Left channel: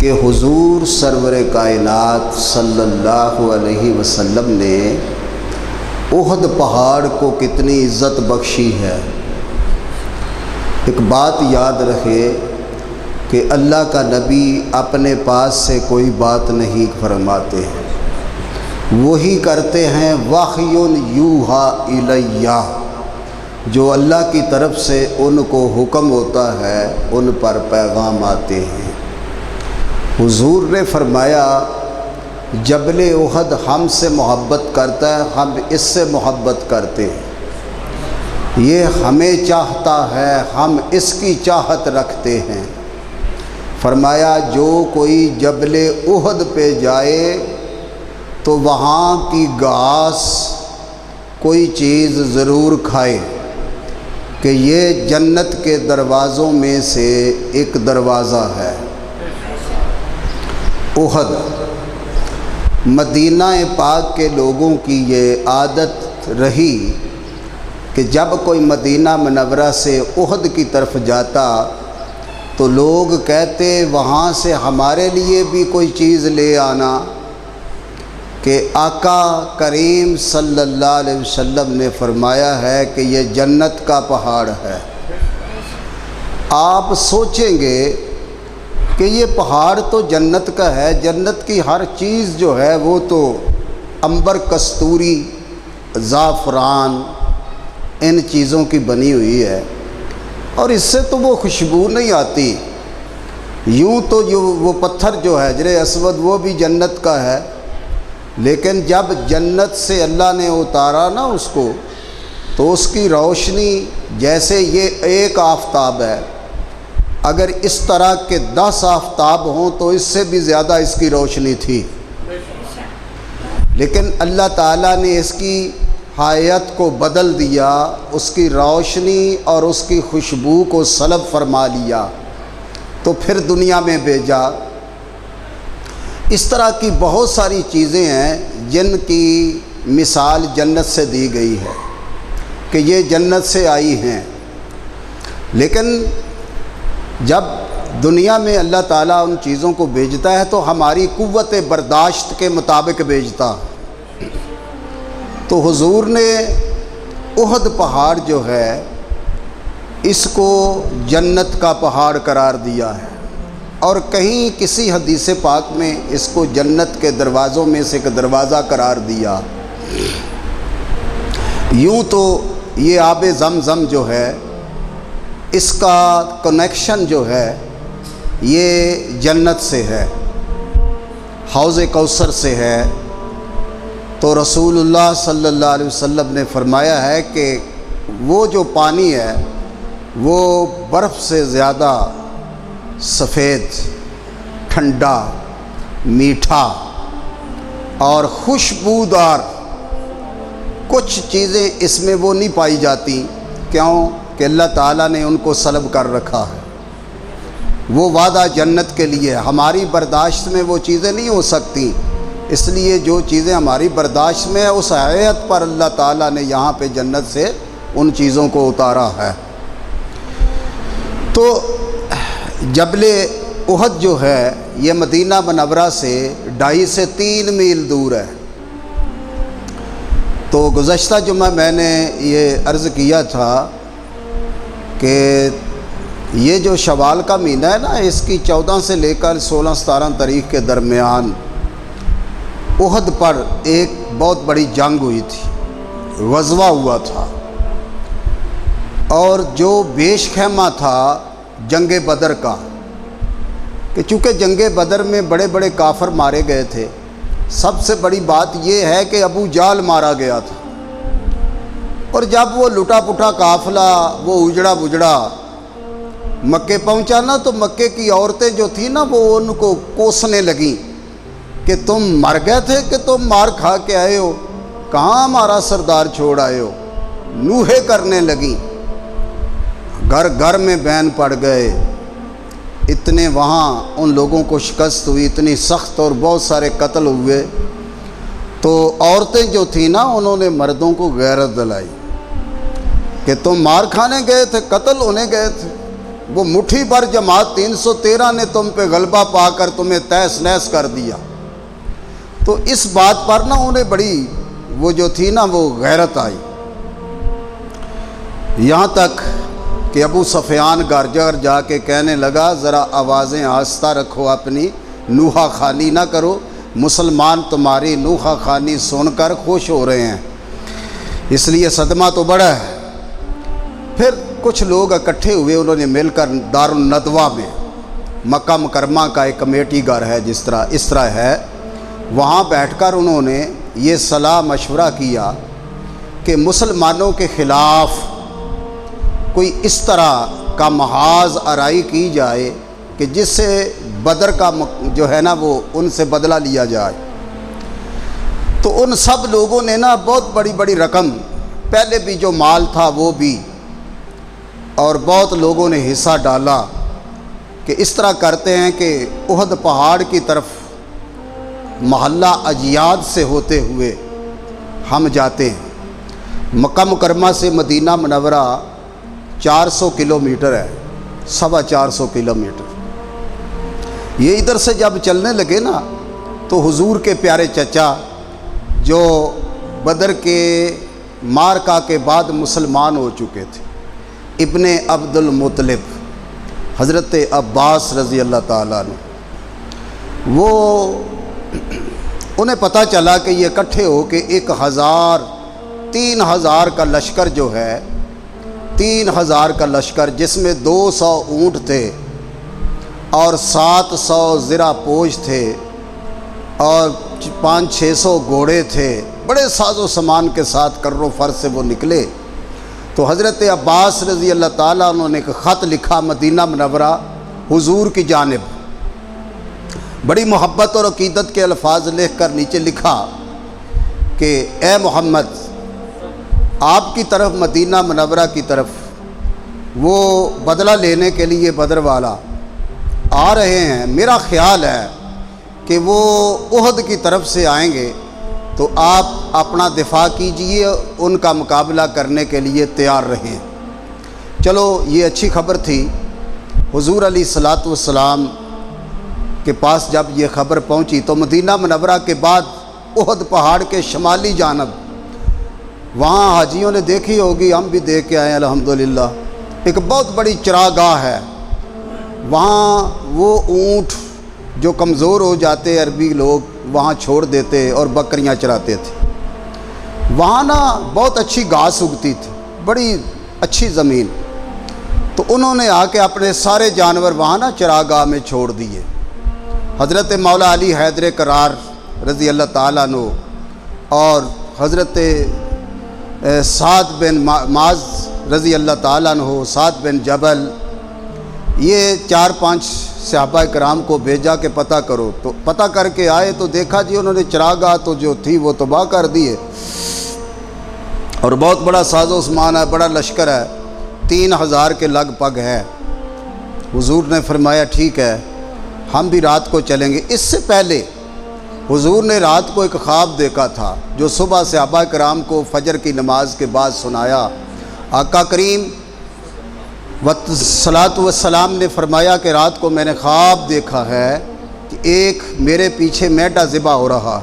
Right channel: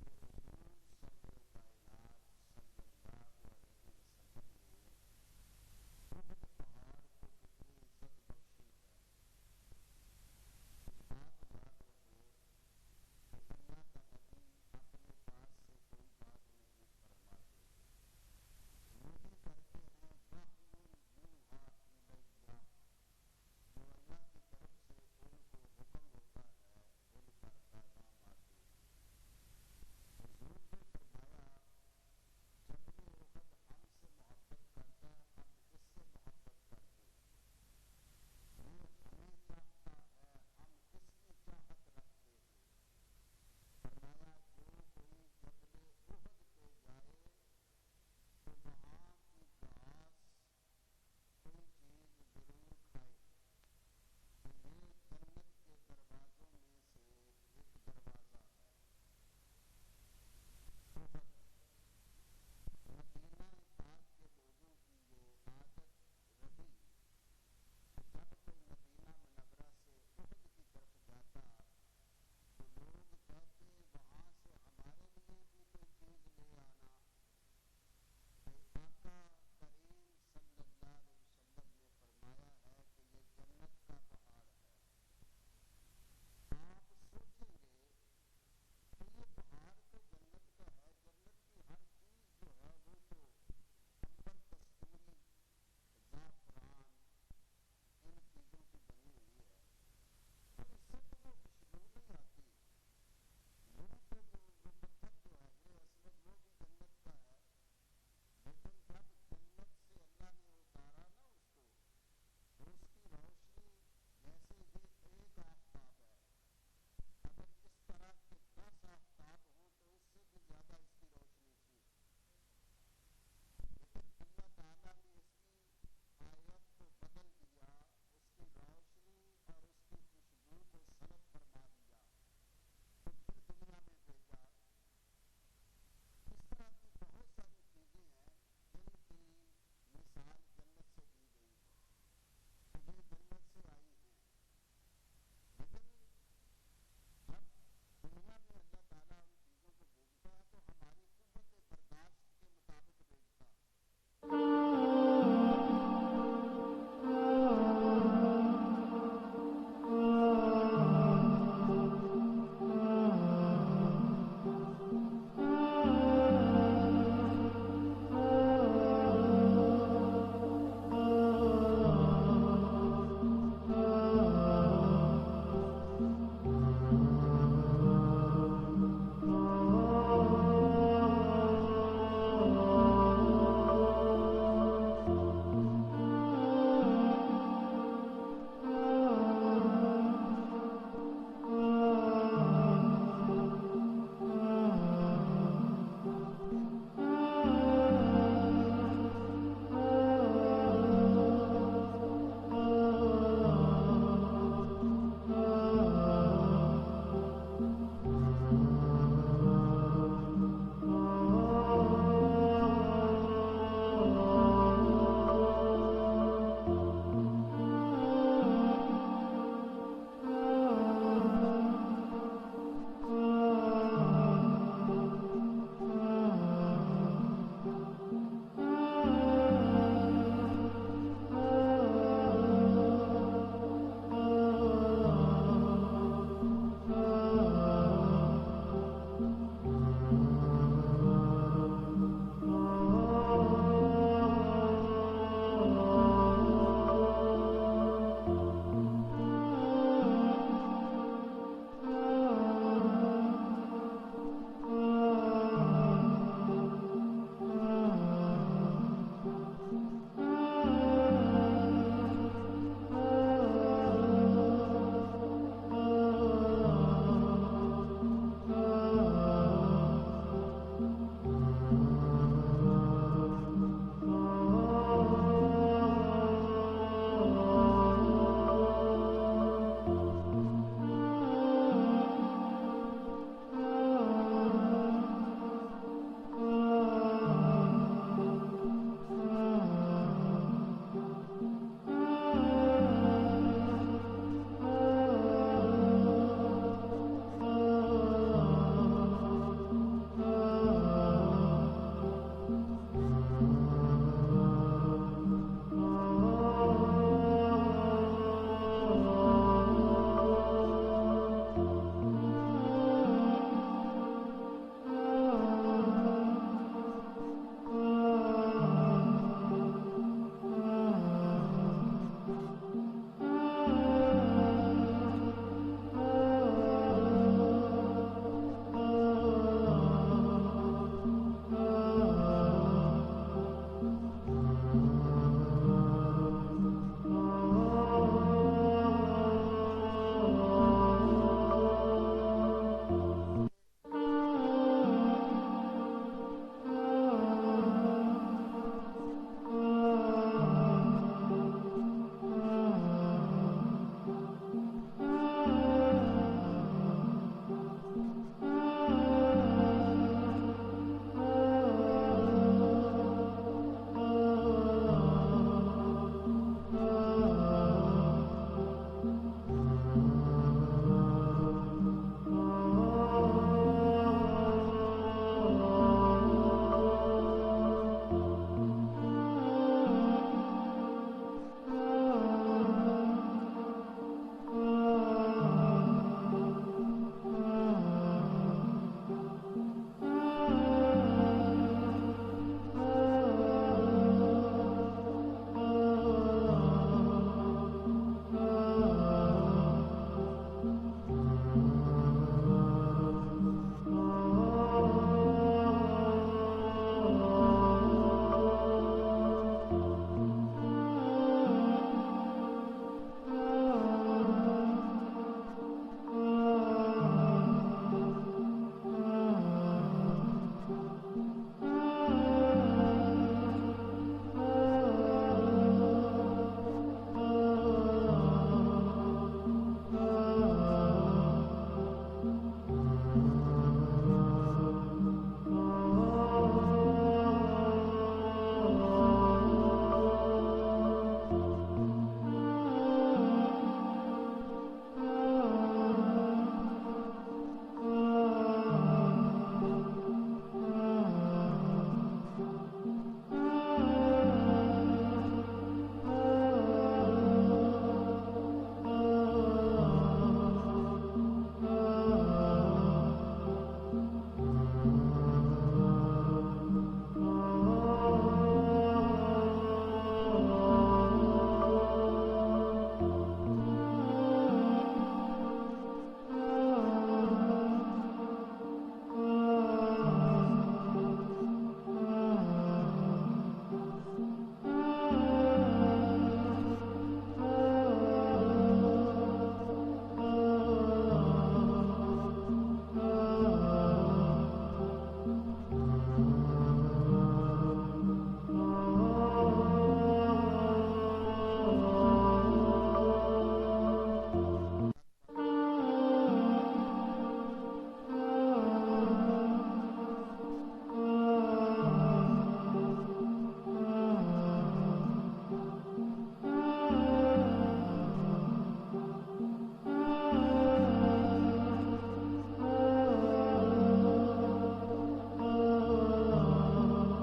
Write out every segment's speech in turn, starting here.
کہ حضور سرور کائنات صلی اللہ علیہ وسلم نے احد پہاڑ کو کتنی عزت بخشی ہے۔ ایک بات یاد رکھے کہ اللہ کا نبی اپنے پاس سے کوئی بات نہیں فرماتے ہیں، وہی کرتے ہیں وحی یوحا الیہ، جو اللہ کی طرف سے ان کو حکم ہوتا ہے ان پر پیغام آتے ہیں۔ حضور نے فرمایا جبل احد ہم سے محبت کرتا ہے، ہم اس سے محبت کرتے ہیں، یہ ہمیں چاہتا ہے، ہم اس کی چاہت رکھتے ہیں۔ فرمایا جو کوئی جبل احد پہ جائے تو وہاں کی گھاس کوئی چیز ضرور کھائے، کہ یہ جنت کے دروازوں میں سے ایک دروازہ ہے۔ احد مدینہ پاک کے لوگوں کی یہ عادت رہی کہ جب کوئی مدینہ منورہ سے احد کی طرف جاتا تو لوگ کہتے وہاں سے ہمارے لیے بھی کوئی چیز لے آنا، کہ آقا کریم صلی اللہ علیہ وسلم نے فرمایا ہے کہ یہ جنت کا پہاڑ ہے۔ آپ سوچیں گے کہ یہ پہاڑ تو جنت کا ہے، جنت کی ہر چیز جو ہے وہ تو عنبر، کستوری، زعفران ان چیزوں کی بنی ہوئی ہے، اور اس سے تو وہ خوشبو نہیں آتی۔ یوں تو وہ پتھر جو ہے حجر اسود وہ بھی جنت کا ہے، لیکن جب جنت سے اللہ نے اتارا نا اس کو، تو اس کی روشنی جیسے یہ ایک آفتاب ہے، اگر اس طرح کے 10 آفتاب ہوں تو اس سے بھی زیادہ اس کی روشنی تھی، لیکن اللہ تعالیٰ نے اس کی حیات کو بدل دیا، اس کی روشنی اور اس کی خوشبو کو سلب فرما لیا، تو پھر دنیا میں بھیجا۔ اس طرح کی بہت ساری چیزیں ہیں جن کی مثال جنت سے دی گئی ہے کہ یہ جنت سے آئی ہیں، لیکن جب دنیا میں اللہ تعالیٰ ان چیزوں کو بھیجتا ہے تو ہماری قوت برداشت کے مطابق بھیجتا۔ تو حضور نے احد پہاڑ جو ہے اس کو جنت کا پہاڑ قرار دیا ہے، اور کہیں کسی حدیث پاک میں اس کو جنت کے دروازوں میں سے ایک دروازہ قرار دیا۔ یوں تو یہ آب زمزم جو ہے اس کا کنیکشن جو ہے یہ جنت سے ہے، حوض کوثر سے ہے، تو رسول اللہ صلی اللہ علیہ وسلم نے فرمایا ہے کہ وہ جو پانی ہے وہ برف سے زیادہ سفید، ٹھنڈا، میٹھا اور خوشبودار، کچھ چیزیں اس میں وہ نہیں پائی جاتی۔ کیوں؟ کہ اللہ تعالیٰ نے ان کو سلب کر رکھا ہے۔ وہ وعدہ جنت کے لیے، ہماری برداشت میں وہ چیزیں نہیں ہو سکتی، اس لیے جو چیزیں ہماری برداشت میں ہے اس حیت پر اللہ تعالیٰ نے یہاں پہ جنت سے ان چیزوں کو اتارا ہے۔ تو جبل احد جو ہے یہ مدینہ منورہ سے 2.5 سے 3 میل دور ہے۔ تو گزشتہ جمعہ میں نے یہ عرض کیا تھا کہ یہ جو شوال کا مہینہ ہے نا، اس کی 14 سے لے کر 16-17 تاریخ کے درمیان احد پر ایک بہت بڑی جنگ ہوئی تھی، غزوہ ہوا تھا، اور جو بیش خیمہ تھا جنگ بدر کا، کہ چونکہ جنگ بدر میں بڑے بڑے کافر مارے گئے تھے، سب سے بڑی بات یہ ہے کہ ابو جہل مارا گیا تھا، اور جب وہ لٹا پٹا قافلہ وہ اجڑا بجڑا مکے پہنچا نا، تو مکے کی عورتیں جو تھیں نا وہ ان کو کوسنے لگیں کہ تم مر گئے تھے کہ تم مار کھا کے آئے ہو، کہاں ہمارا سردار چھوڑ آئے ہو، نوحے کرنے لگیں۔ گھر گھر میں بین پڑ گئے، اتنے وہاں ان لوگوں کو شکست ہوئی، اتنی سخت، اور بہت سارے قتل ہوئے۔ تو عورتیں جو تھیں نا انہوں نے مردوں کو غیرت دلائی کہ تم مار کھانے گئے تھے، قتل ہونے گئے تھے، وہ مٹھی پر جماعت 313 نے تم پہ غلبہ پا کر تمہیں تہس نہس کر دیا۔ تو اس بات پر نا انہیں بڑی وہ جو تھی نا وہ غیرت آئی، یہاں تک کہ ابو سفیان گھر جا کے کہنے لگا ذرا آوازیں آہستہ رکھو، اپنی نوحہ خوانی نہ کرو، مسلمان تمہاری نوحہ خوانی سن کر خوش ہو رہے ہیں، اس لیے صدمہ تو بڑا ہے۔ پھر کچھ لوگ اکٹھے ہوئے، انہوں نے مل کر دارالندوہ میں، مکہ مکرمہ کا ایک کمیٹی گھر ہے اس طرح ہے، وہاں بیٹھ کر انہوں نے یہ صلاح مشورہ کیا کہ مسلمانوں کے خلاف کوئی اس طرح کا محاذ آرائی کی جائے کہ جس سے بدر کا جو ہے نا وہ ان سے بدلہ لیا جائے۔ تو ان سب لوگوں نے نا بہت بڑی بڑی رقم، پہلے بھی جو مال تھا وہ بھی، اور بہت لوگوں نے حصہ ڈالا کہ اس طرح کرتے ہیں کہ احد پہاڑ کی طرف محلہ اجیاد سے ہوتے ہوئے ہم جاتے ہیں۔ مکہ مکرمہ سے مدینہ منورہ 400 کلومیٹر ہے، 450 کلومیٹر۔ یہ ادھر سے جب چلنے لگے نا تو حضور کے پیارے چچا جو بدر کے مارکا کے بعد مسلمان ہو چکے تھے، ابن عبد المطلب، حضرت عباس رضی اللہ تعالیٰ عنہ، وہ انہیں پتہ چلا کہ یہ اکٹھے ہو کے 3,000 کا لشکر جو ہے، 3,000 کا لشکر جس میں 200 اونٹ تھے اور 700 زرہ پوش تھے اور 500-600 گھوڑے تھے، بڑے ساز و سامان کے ساتھ کر و فر سے وہ نکلے۔ تو حضرت عباس رضی اللہ تعالیٰ انہوں نے ایک خط لکھا مدینہ منورہ حضور کی جانب، بڑی محبت اور عقیدت کے الفاظ لکھ کر نیچے لکھا کہ اے محمد، آپ کی طرف مدینہ منورہ کی طرف وہ بدلہ لینے کے لیے بدر والا آ رہے ہیں، میرا خیال ہے کہ وہ احد کی طرف سے آئیں گے، تو آپ اپنا دفاع کیجئے، ان کا مقابلہ کرنے کے لیے تیار رہیں۔ چلو یہ اچھی خبر تھی۔ حضور علیہ الصلاۃ والسلام کے پاس جب یہ خبر پہنچی تو مدینہ منورہ کے بعد احد پہاڑ کے شمالی جانب وہاں حاجیوں نے دیکھی ہوگی، ہم بھی دیکھ کے آئے الحمدللہ، ایک بہت بڑی چراگاہ ہے، وہاں وہ اونٹ جو کمزور ہو جاتے عربی لوگ وہاں چھوڑ دیتے اور بکریاں چراتے تھے۔ وہاں نا بہت اچھی گھاس اگتی تھی، بڑی اچھی زمین، تو انہوں نے آ کے اپنے سارے جانور وہاں نا چراگاہ میں چھوڑ دیے۔ حضرت مولا علی حیدر کرار رضی اللہ تعالیٰ عنہ اور حضرت سعد بن معاذ رضی اللہ تعالیٰ عنہ، سعد بن جبل، یہ 4-5 صحابہ کرام کو بھیجا کہ پتہ کرو، تو پتہ کر کے آئے تو دیکھا جی انہوں نے چراگاہ تو جو تھی وہ تباہ کر دیے، اور بہت بڑا ساز و سامان ہے، بڑا لشکر ہے، 3,000 کے لگ بھگ ہے۔ حضور نے فرمایا ٹھیک ہے، ہم بھی رات کو چلیں گے۔ اس سے پہلے حضور نے رات کو ایک خواب دیکھا تھا جو صبح صحابہ کرام کو فجر کی نماز کے بعد سنایا۔ آقا کریم صلاۃ والسلام نے فرمایا کہ رات کو میں نے خواب دیکھا ہے کہ ایک میرے پیچھے میڈا ذبح ہو رہا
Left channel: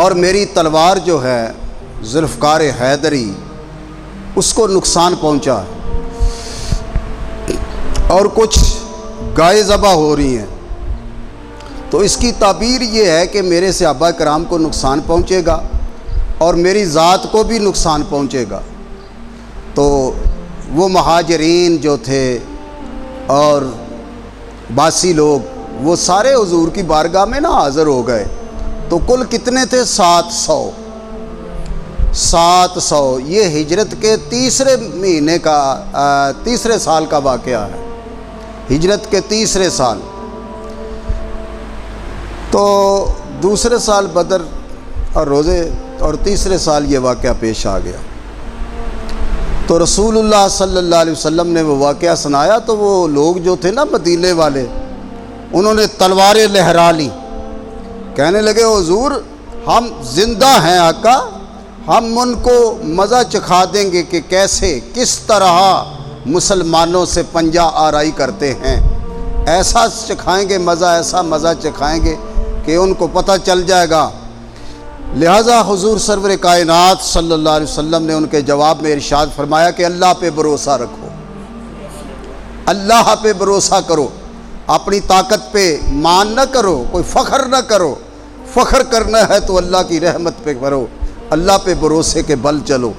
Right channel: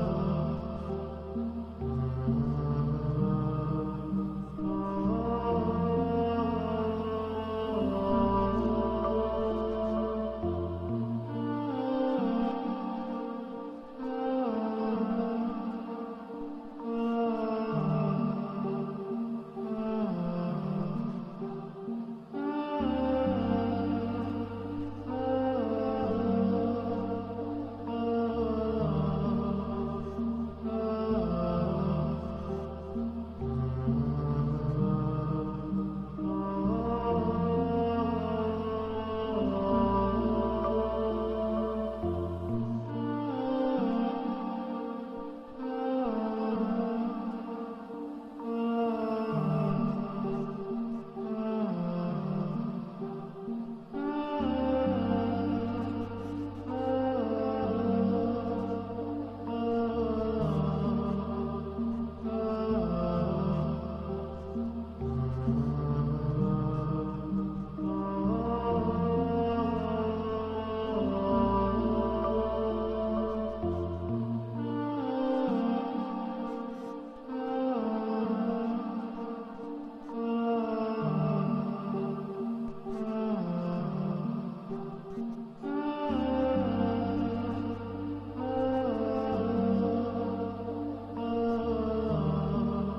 اور میری تلوار جو ہے ذوالفقار حیدری اس کو نقصان پہنچا اور کچھ گائے ذبح ہو رہی ہیں، تو اس کی تعبیر یہ ہے کہ میرے صحابہ کرام کو نقصان پہنچے گا اور میری ذات کو بھی نقصان پہنچے گا۔ تو وہ مہاجرین جو تھے اور باسی لوگ وہ سارے حضور کی بارگاہ میں نا حاضر ہو گئے، تو کل کتنے تھے؟ 700۔ یہ ہجرت کے تیسرے مہینے کا تیسرے سال کا واقعہ ہے، ہجرت کے تیسرے سال۔ تو دوسرے سال بدر اور روزے اور تیسرے سال یہ واقعہ پیش آ گیا۔ تو رسول اللہ صلی اللہ علیہ وسلم نے وہ واقعہ سنایا تو وہ لوگ جو تھے نا مدینے والے، انہوں نے تلواریں لہرا لی، کہنے لگے حضور ہم زندہ ہیں آقا، ہم ان کو مزہ چکھا دیں گے کہ کیسے کس طرح مسلمانوں سے پنجہ آرائی کرتے ہیں، ایسا چکھائیں گے مزہ، ایسا مزہ چکھائیں گے کہ ان کو پتہ چل جائے گا۔ لہٰذا حضور سرور کائنات صلی اللہ علیہ وسلم نے ان کے جواب میں ارشاد فرمایا کہ اللہ پہ بھروسہ رکھو، اللہ پہ بھروسہ کرو، اپنی طاقت پہ مان نہ کرو، کوئی فخر نہ کرو، فخر کرنا ہے تو اللہ کی رحمت پہ کرو، اللہ پہ بھروسے کے بل چلو۔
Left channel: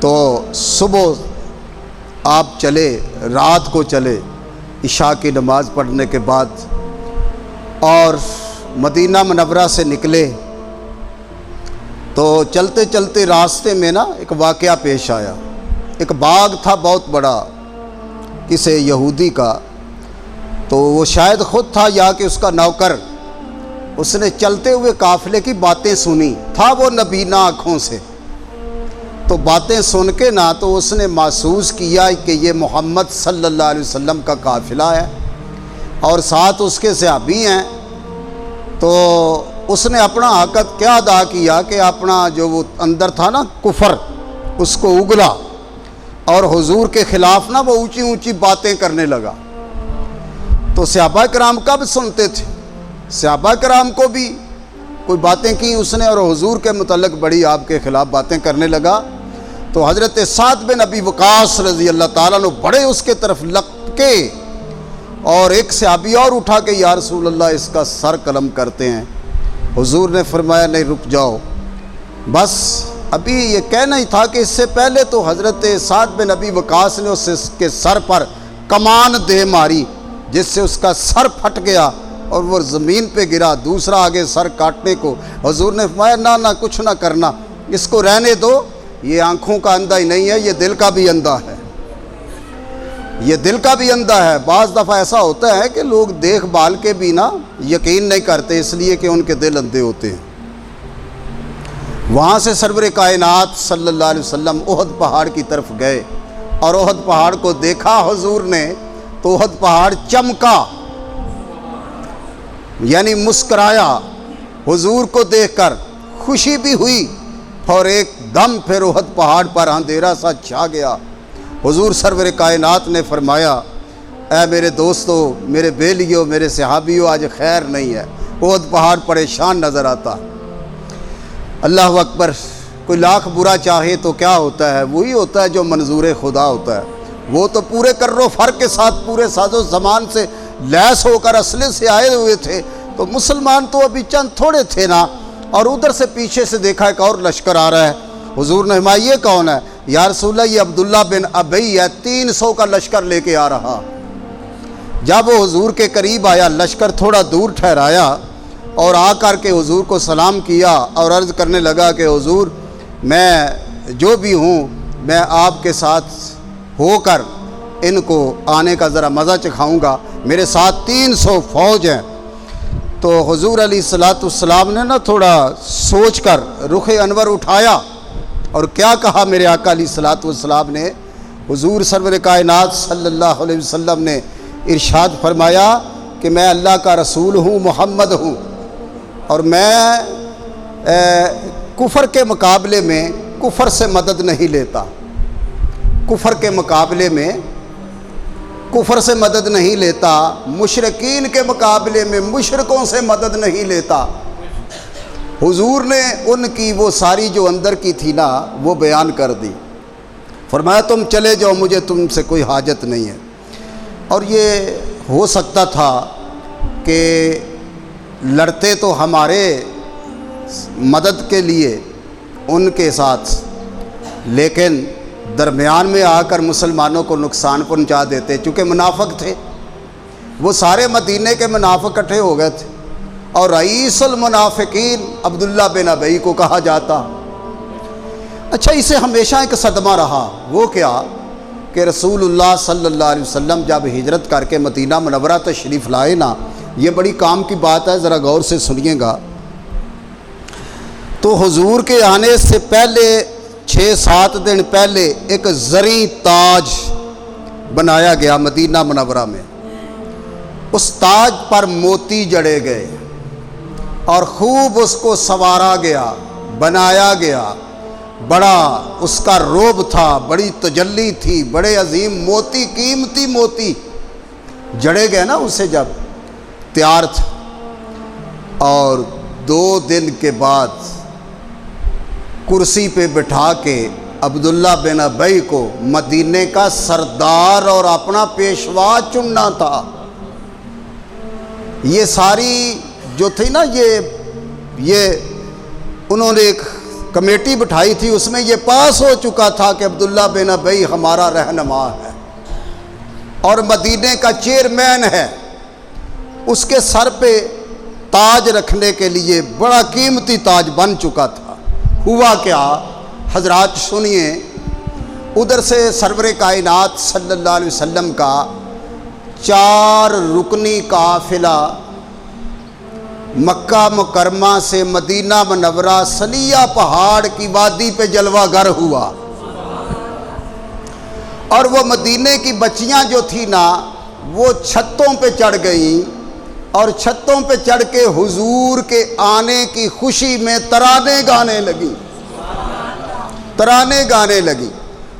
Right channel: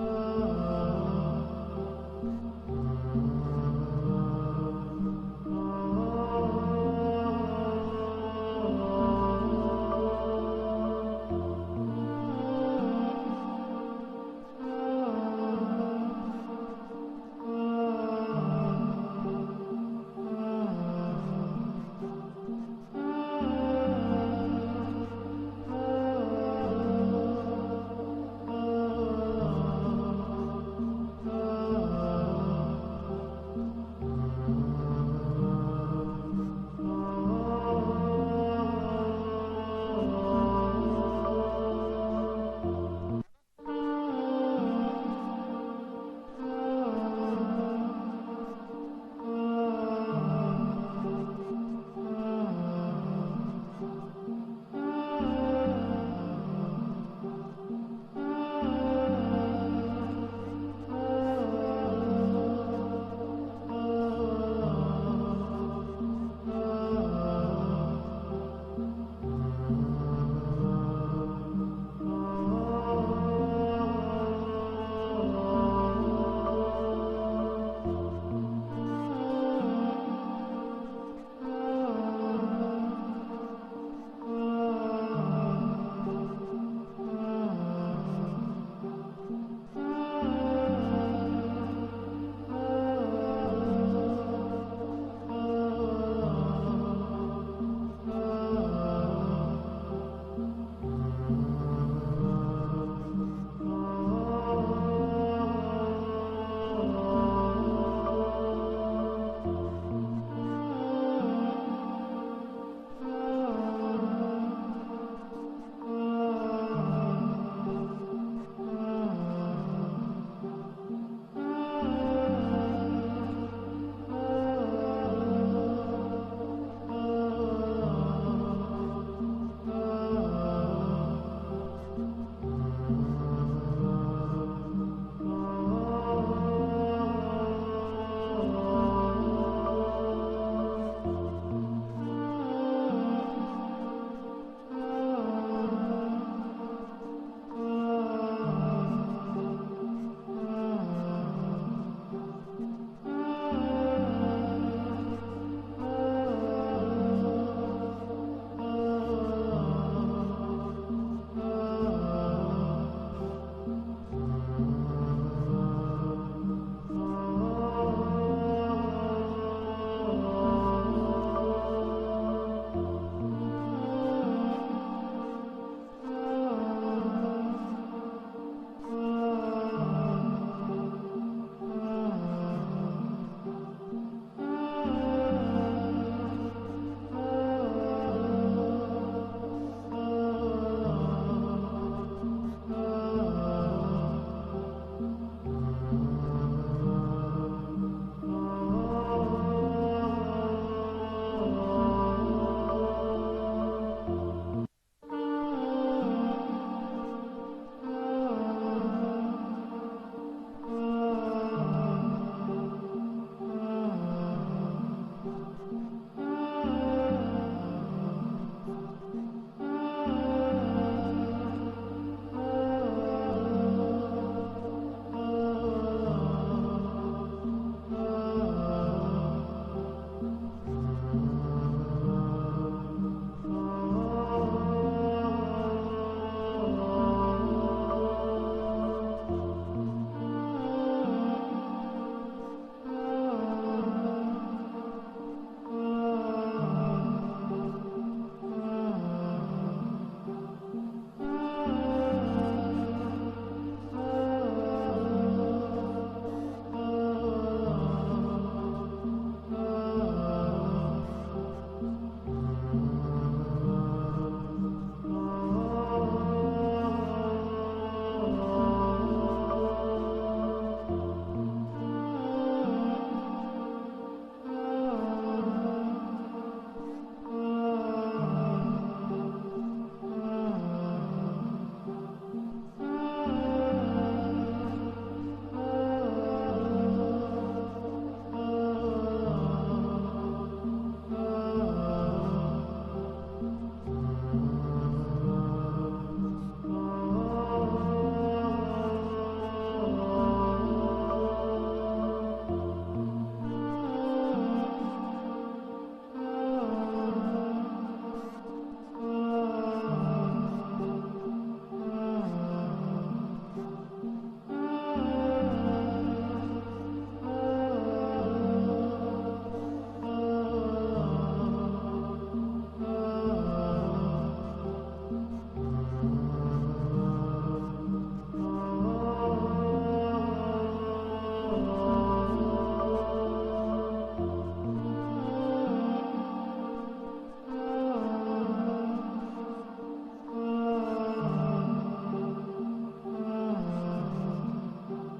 تو صبح آپ چلے، رات کو چلے، عشاء کی نماز پڑھنے کے بعد، اور مدینہ منورہ سے نکلے تو چلتے چلتے راستے میں نا ایک واقعہ پیش آیا۔ ایک باغ تھا بہت بڑا کسی یہودی کا، تو وہ شاید خود تھا یا کہ اس کا نوکر، اس نے چلتے ہوئے قافلے کی باتیں سنی، تھا وہ نبینا آنکھوں سے، تو باتیں سن کے نا تو اس نے محسوس کیا کہ یہ محمد صلی اللہ علیہ وسلم کا قافلہ ہے اور ساتھ اس کے صحابی ہیں۔ تو اس نے اپنا حقت کیا ادا کیا کہ اپنا جو وہ اندر تھا نا کفر، اس کو اگلا اور حضور کے خلاف نا وہ اونچی اونچی باتیں کرنے لگا۔ تو صحابہ کرام کب سنتے تھے؟ صحابہ کرام کو بھی کوئی باتیں کی اس نے، اور حضور کے متعلق بڑی آپ کے خلاف باتیں کرنے لگا۔ تو حضرت سعد بن ابی وقاص رضی اللہ تعالیٰ عنہ بڑے اس کے طرف لپکے، اور ایک صحابی اور اٹھا کے یا رسول اللہ اس کا سر قلم کرتے ہیں۔ حضور نے فرمایا نہیں، رک جاؤ، بس ابھی یہ کہنا ہی تھا کہ اس سے پہلے تو حضرت سعد بن ابی وقاص نے اس کے سر پر کمان دے ماری، جس سے اس کا سر پھٹ گیا اور وہ زمین پہ گرا، دوسرا آگے سر کاٹنے کو۔ حضور نے فرمایا نہ کچھ نہ کرنا، اس کو رہنے دو، یہ آنکھوں کا اندھا ہی نہیں ہے، یہ دل کا بھی اندھا ہے، یہ دل کا بھی اندھا ہے۔ بعض دفعہ ایسا ہوتا ہے کہ لوگ دیکھ بھال کے بھی نا یقین نہیں کرتے، اس لیے کہ ان کے دل اندھے ہوتے ہیں۔ وہاں سے سرور کائنات صلی اللہ علیہ وسلم احد پہاڑ کی طرف گئے، اور احد پہاڑ کو دیکھا حضور نے تو احد پہاڑ چمکا، یعنی مسکرایا، حضور کو دیکھ کر خوشی بھی ہوئی، اور ایک دم پھر احد پہاڑ پر اندھیرا سا چھا گیا۔ حضور سرور کائنات نے فرمایا اے میرے دوستو، میرے بیلیو، میرے صحابیو، آج خیر نہیں ہے، احد پہاڑ پریشان نظر آتا۔ اللہ اکبر، کوئی لاکھ برا چاہے تو کیا ہوتا ہے؟ وہی ہوتا ہے جو منظور خدا ہوتا ہے۔ وہ تو پورے کر و فر کے ساتھ پورے ساز و زمان سے لیس ہو کر اسلحے سے آئے ہوئے تھے، تو مسلمان تو ابھی چند تھوڑے تھے نا، اور ادھر سے پیچھے سے دیکھا ایک اور لشکر آ رہا ہے۔ حضور نے فرمایا یہ کون ہے؟ یا رسول اللہ یہ عبداللہ بن ابی ہے، 300 کا لشکر لے کے آ رہا۔ جب وہ حضور کے قریب آیا، لشکر تھوڑا دور ٹھہرایا اور آ کر کے حضور کو سلام کیا اور عرض کرنے لگا کہ حضور میں جو بھی ہوں، میں آپ کے ساتھ ہو کر ان کو آنے کا ذرا مزہ چکھاؤں گا، میرے ساتھ 300 فوج ہیں۔ تو حضور علیہ السلام نے نا تھوڑا سوچ کر رخ انور اٹھایا اور کیا کہا میرے آقا علیہ السلام نے؟ حضور سرور کائنات صلی اللہ علیہ وسلم نے ارشاد فرمایا کہ میں اللہ کا رسول ہوں، محمد ہوں، اور میں کفر کے مقابلے میں کفر سے مدد نہیں لیتا، کفر کے مقابلے میں کفر سے مدد نہیں لیتا، مشرکین کے مقابلے میں مشرکوں سے مدد نہیں لیتا۔ حضور نے ان کی وہ ساری جو اندر کی تھی نا وہ بیان کر دی، فرمایا تم چلے جاؤ، مجھے تم سے کوئی حاجت نہیں ہے۔ اور یہ ہو سکتا تھا کہ لڑتے تو ہمارے مدد کے لیے ان کے ساتھ، لیکن درمیان میں آ کر مسلمانوں کو نقصان پہنچا دیتے، چونکہ منافق تھے، وہ سارے مدینے کے منافق اکٹھے ہو گئے تھے، اور رئیس المنافقین عبداللہ بن ابی کو کہا جاتا۔ اچھا، اسے ہمیشہ ایک صدمہ رہا، وہ کیا کہ رسول اللہ صلی اللہ علیہ وسلم جب ہجرت کر کے مدینہ منورہ تشریف لائے نا، یہ بڑی کام کی بات ہے، ذرا غور سے سنیے گا۔ تو حضور کے آنے سے پہلے 6-7 دن پہلے ایک زرعی تاج بنایا گیا مدینہ منورہ میں، اس تاج پر موتی جڑے گئے اور خوب اس کو سنوارا گیا، بنایا گیا، بڑا اس کا روب تھا، بڑی تجلی تھی، بڑے عظیم موتی، قیمتی موتی جڑے گئے نا اسے جب تیار تھا۔ اور 2 دن کے بعد کرسی پہ بٹھا کے عبداللہ بن ابی کو مدینے کا سردار اور اپنا پیشوا چننا تھا۔ یہ ساری جو تھی نا یہ انہوں نے ایک کمیٹی بٹھائی تھی، اس میں یہ پاس ہو چکا تھا کہ عبداللہ بن ابی ہمارا رہنما ہے اور مدینے کا چیئرمین ہے۔ اس کے سر پہ تاج رکھنے کے لیے بڑا قیمتی تاج بن چکا تھا۔ ہوا کیا حضرات سنیے، ادھر سے سرور کائنات صلی اللہ علیہ وسلم کا 4 رکنی قافلہ مکہ مکرمہ سے مدینہ منورہ سلیہ پہاڑ کی وادی پہ جلوہ گر ہوا، اور وہ مدینے کی بچیاں جو تھی نا وہ چھتوں پہ چڑھ گئیں، اور چھتوں پہ چڑھ کے حضور کے آنے کی خوشی میں ترانے گانے لگی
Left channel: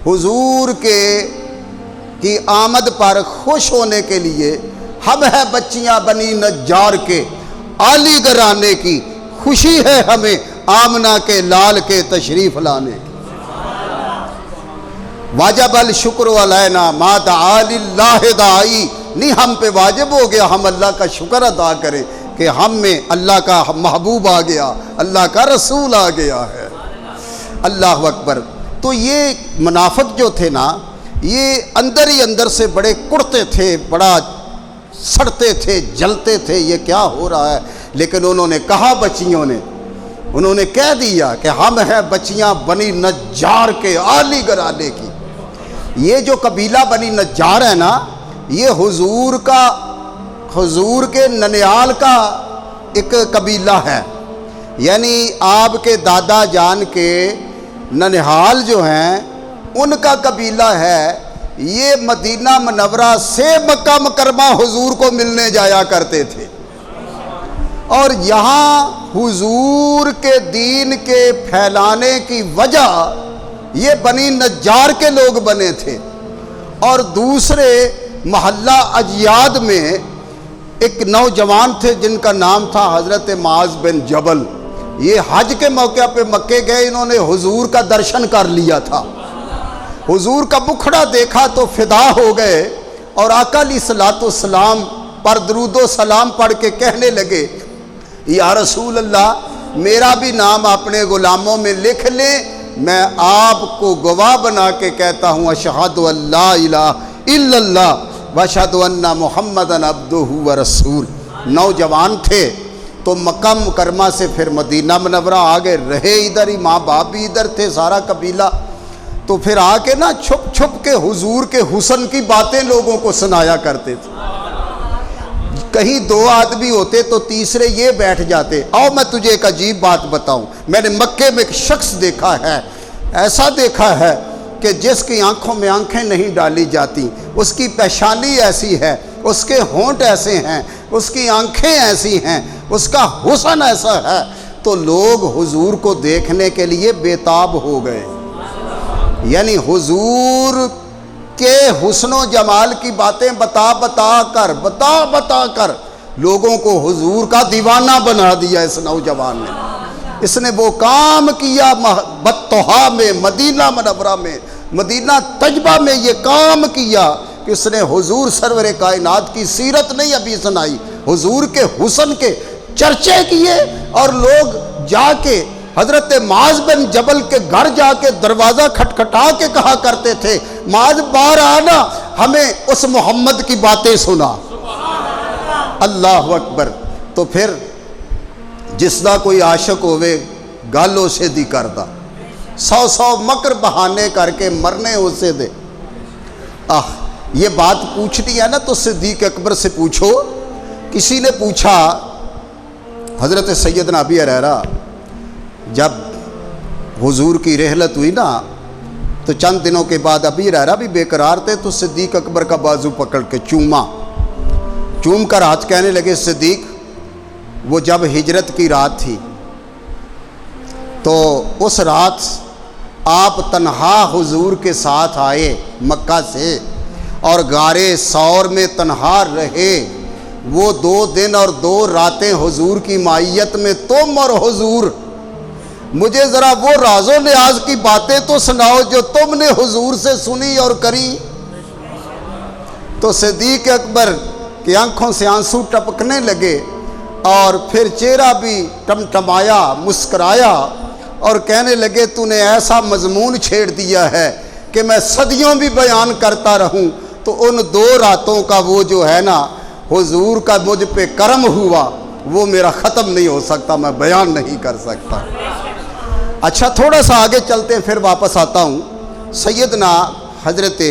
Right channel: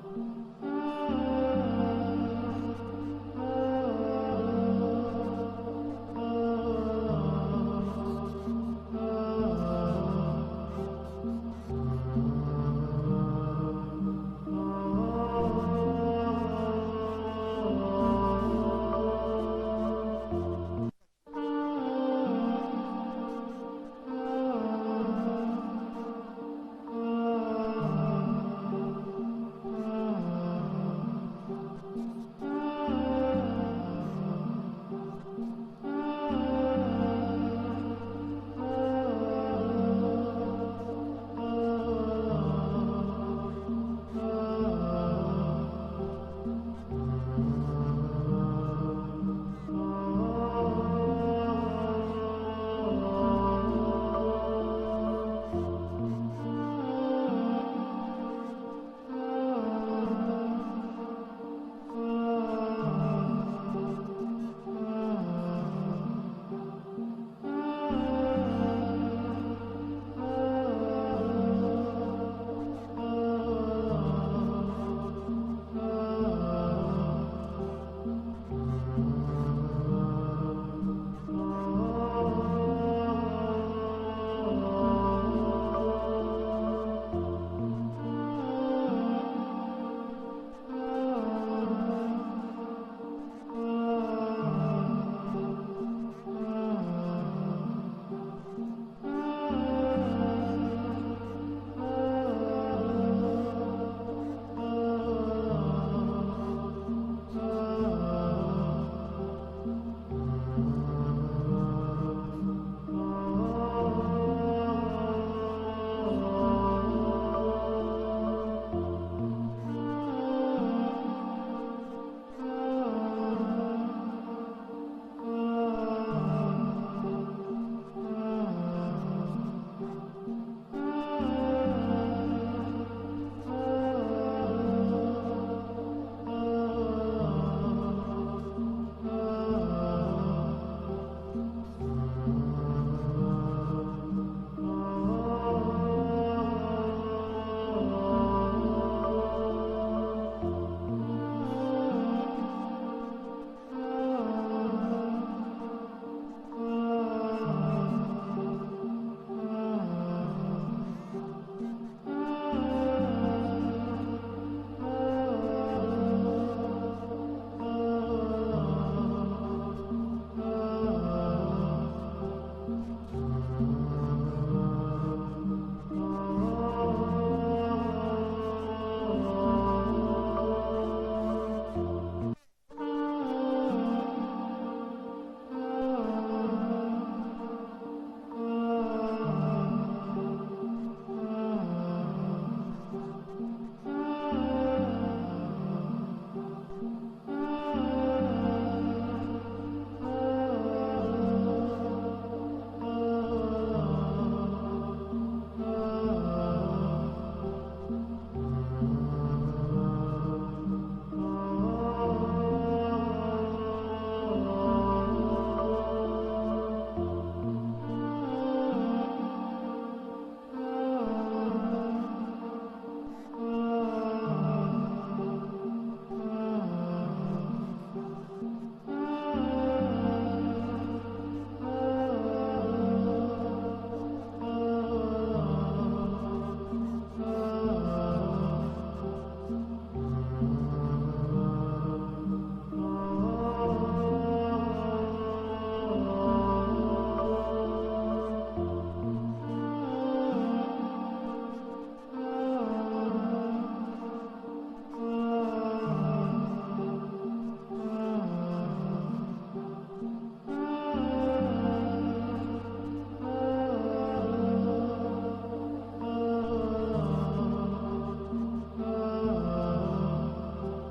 حضور کی آمد پر خوش ہونے کے لیے۔ ہم ہے بچیاں بنی نجار کے، عالی گھرانے کی خوشی ہے ہمیں آمنہ کے لال کے تشریف لانے کی۔ واجب الشکر علینا ما دعا للہ دائی، نہیں ہم پہ واجب ہو گیا ہم اللہ کا شکر ادا کریں کہ ہم میں اللہ کا محبوب آ گیا، اللہ کا رسول آ گیا ہے۔ اللہ اکبر۔ تو یہ منافق جو تھے نا، یہ اندر ہی اندر سے بڑے کڑتے تھے، بڑا سڑتے تھے، جلتے تھے، یہ کیا ہو رہا ہے۔ لیکن انہوں نے کہا، بچیوں نے انہوں نے کہہ دیا کہ ہم ہیں بچیاں بنی نجار کے، عالی گھرانے کی۔ یہ جو قبیلہ بنی نجار ہے نا، یہ حضور کے ننیال کا ایک قبیلہ ہے، یعنی آپ کے دادا جان کے ننیال جو ہیں ان کا قبیلہ ہے۔ یہ مدینہ منورہ سے مکہ مکرمہ حضور کو ملنے جایا کرتے تھے، اور یہاں حضور کے دین کے پھیلانے کی وجہ یہ بنی نجار کے لوگ بنے تھے۔ اور دوسرے محلہ اجیاد میں ایک نوجوان تھے جن کا نام تھا حضرت معاذ بن جبل۔ یہ حج کے موقع پہ مکے گئے، انہوں نے حضور کا درشن کر لیا تھا، حضور کا مکھڑا دیکھا تو فدا ہو گئے، اور آقا علیہ الصلوۃ والسلام پر درود و سلام پڑھ کے کہنے لگے، یا رسول اللہ میرا بھی نام اپنے غلاموں میں لکھ لیں، میں آپ کو گواہ بنا کے کہتا ہوں اشہد ان لا الہ الا اللہ واشہد ان محمدًا عبدہ ورسول۔ نوجوان تھے تو مکہ مکرمہ سے پھر مدینہ منورہ آگے رہے، ادھر ہی ماں باپ بھی ادھر تھے، سارا قبیلہ۔ تو پھر آ کے نا چھپ چھپ کے حضور کے حسن کی باتیں لوگوں کو سنایا کرتے تھے۔ کہیں 2 آدمی ہوتے تو تیسرے یہ بیٹھ جاتے، آؤ میں تجھے ایک عجیب بات بتاؤں، میں نے مکے میں ایک شخص دیکھا ہے، ایسا دیکھا ہے کہ جس کی آنکھوں میں آنکھیں نہیں ڈالی جاتی، اس کی پیشانی ایسی ہے، اس کے ہونٹ ایسے ہیں، اس کی آنکھیں ایسی ہیں، اس کا حسن ایسا ہے۔ تو لوگ حضور کو دیکھنے کے لیے بےتاب ہو گئے، یعنی حضور کے حسن و جمال کی باتیں بتا بتا کر لوگوں کو حضور کا دیوانہ بنا دیا اس نوجوان نے۔ اس نے وہ کام کیا بطحا میں، مدینہ منورہ میں، مدینہ طیبہ میں یہ کام کیا کہ اس نے حضور سرور کائنات کی سیرت نہیں ابھی سنائی، حضور کے حسن کے چرچے کیے، اور لوگ جا کے حضرت معاذ بن جبل کے گھر جا کے دروازہ کھٹکھٹا کے کہا کرتے تھے، معاذ باہر آنا، ہمیں اس محمد کی باتیں سنا۔ اللہ اکبر۔ تو پھر جس دا کوئی عاشق ہوئے گالوں سے دی کردہ، 100 مکر بہانے کر کے مرنے اسے دے۔ یہ بات پوچھنی ہے نا تو صدیق اکبر سے پوچھو۔ کسی نے پوچھا، حضرت سیدنا ابی ہریرہ جب حضور کی رحلت ہوئی نا تو چند دنوں کے بعد ابی ہریرہ بھی بے قرار تھے، تو صدیق اکبر کا بازو پکڑ کے چوم کر ہاتھ کہنے لگے، صدیق وہ جب ہجرت کی رات تھی تو اس رات آپ تنہا حضور کے ساتھ آئے مکہ سے اور غار ثور میں تنہا رہے، وہ 2 دن اور 2 راتیں حضور کی معیت میں تم اور حضور، مجھے ذرا وہ راز و نیاز کی باتیں تو سناؤ جو تم نے حضور سے سنی اور کری۔ تو صدیق اکبر کی آنکھوں سے آنسو ٹپکنے لگے اور پھر چہرہ بھی ٹمٹمایا، مسکرایا اور کہنے لگے تو نے ایسا مضمون چھیڑ دیا ہے کہ میں صدیوں بھی بیان کرتا رہوں تو ان 2 راتوں کا وہ جو ہے نا حضور کا مجھ پہ کرم ہوا وہ میرا ختم نہیں ہو سکتا، میں بیان نہیں کر سکتا۔ اچھا تھوڑا سا آگے چلتے ہیں، پھر واپس آتا ہوں۔ سیدنا حضرت